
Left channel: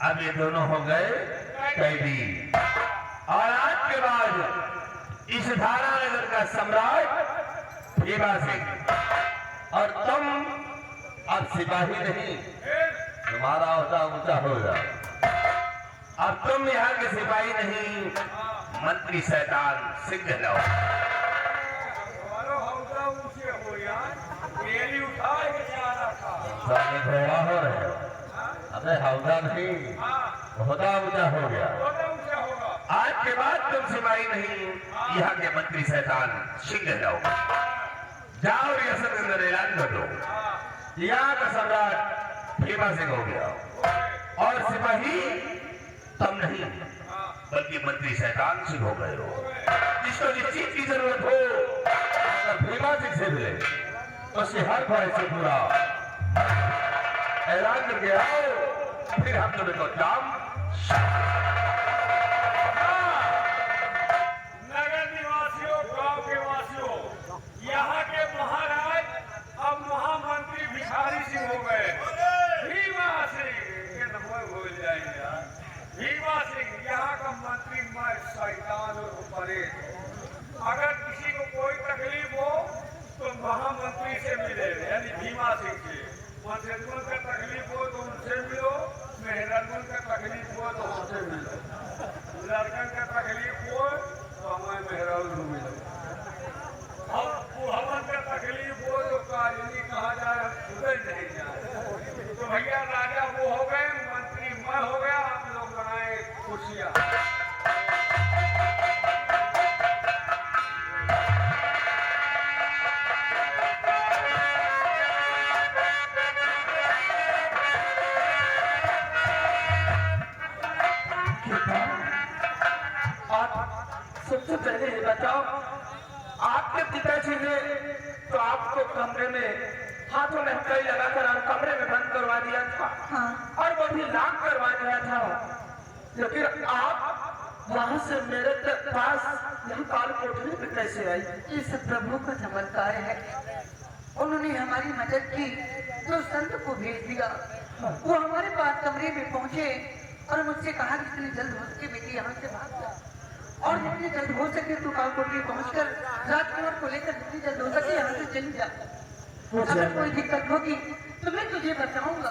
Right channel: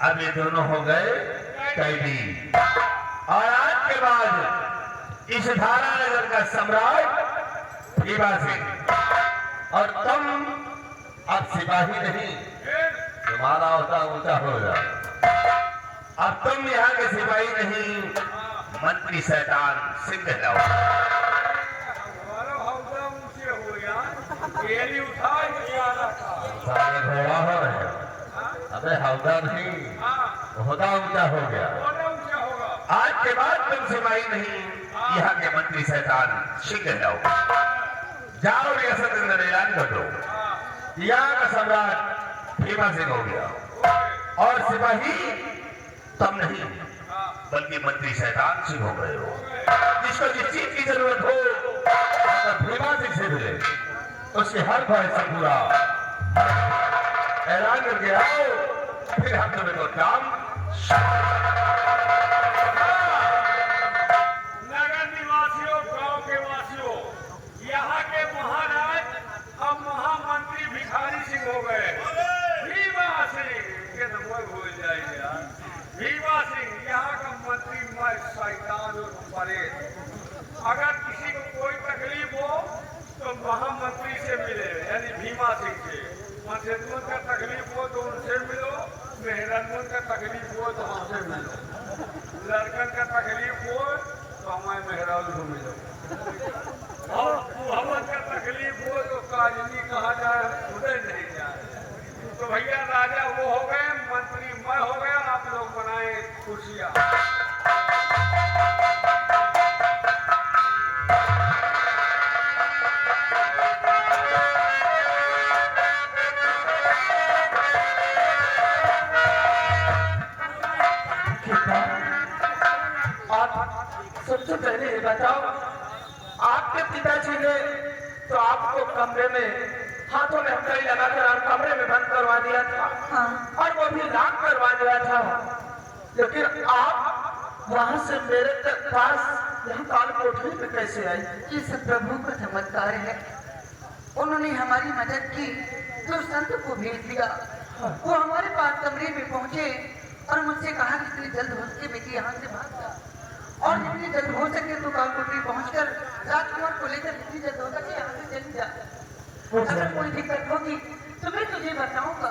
अब ये दोनों हो गए कैदी, और आज के बाद इस धारा नगर का सम्राट भीमा सिंह, और तुम अब सिपाही नहीं, तुम्हारा होता ऊंचा हो जाए। अब तुम यहाँ के सिपाही नहीं, मंत्री शैतान सिंह लाओ। सारे घोड़ा हो रहे हैं। अबे हौदा नहीं, होदा ऊंचा हो गया। आज के बाद तुम सिपाही नहीं, यहाँ के मंत्री शैतान सिंह लाओ। जाओ रियासत के अंदर ऐलान कर दो, यहाँ का सम्राट भीमा सिंह हो गया, और सिपाही तुम नहीं बल्कि मंत्री शैतान सिंह हो गए हो। जिसको जिस चीज की जरूरत हो अगर भीमा सिंह से मिले, उसके हर भय से पूरा ऐलान करके आओ, फिर हम तुम्हें तो काम। नगर निवासियों, गांव के वासियों, यहाँ के महाराज अब महामंत्री भिखारी सिंह हो गए। भीमा सिंह के नंबर भूल जाएंगे यार। भीमा सिंह यहाँ का मंत्री मर शैतान और परे। अगर किसी को कोई तकलीफ हो तो महामंत्री से मिले, यानी भीमा सिंह से। मनसेतुअन का तकलीफ हो तो उनसे मिलो, मेहरानून का तकलीफ हो तो हमसे मिलो, लड़कन का तकलीफ हो तो हमें मेहरान को मिलो, और बुढ़वन का तकलीफ हो तो काजनी कहाँ जाए, उधर नहीं जाए। तो भैया राजा वो हो गए, मंत्री मैं हो गया, आप लोग बनाए खुशियाँ। आप सबसे पहले ये बताओ, आपके पिताजी ने तो आपको कमरे में हाथों में हथकड़ी लगाकर और कमरे में बंद करवा दिया था। हाँ। और वो भी लॉक करवा दिया था, लेकिन आप वहां से मेरे पास यहाँ काल कोठरी पे कैसे आई? ये सब प्रभु का चमत्कार है। उन्होंने हमारी मदद की तो संत को भेज दिया। वो हमारे पास कमरे में पहुंचे और मुझसे कहा कि इतनी जल्द हो सके बेटी यहाँ से भाग जा, और जितनी जल्द हो सके तो काल कोठरी पहुंचकर राजकुमार को लेकर जितनी जल्द हो सके यहाँ से चली जा। अगर कोई दिक्कत होगी तो मैं तुझे बताऊंगा।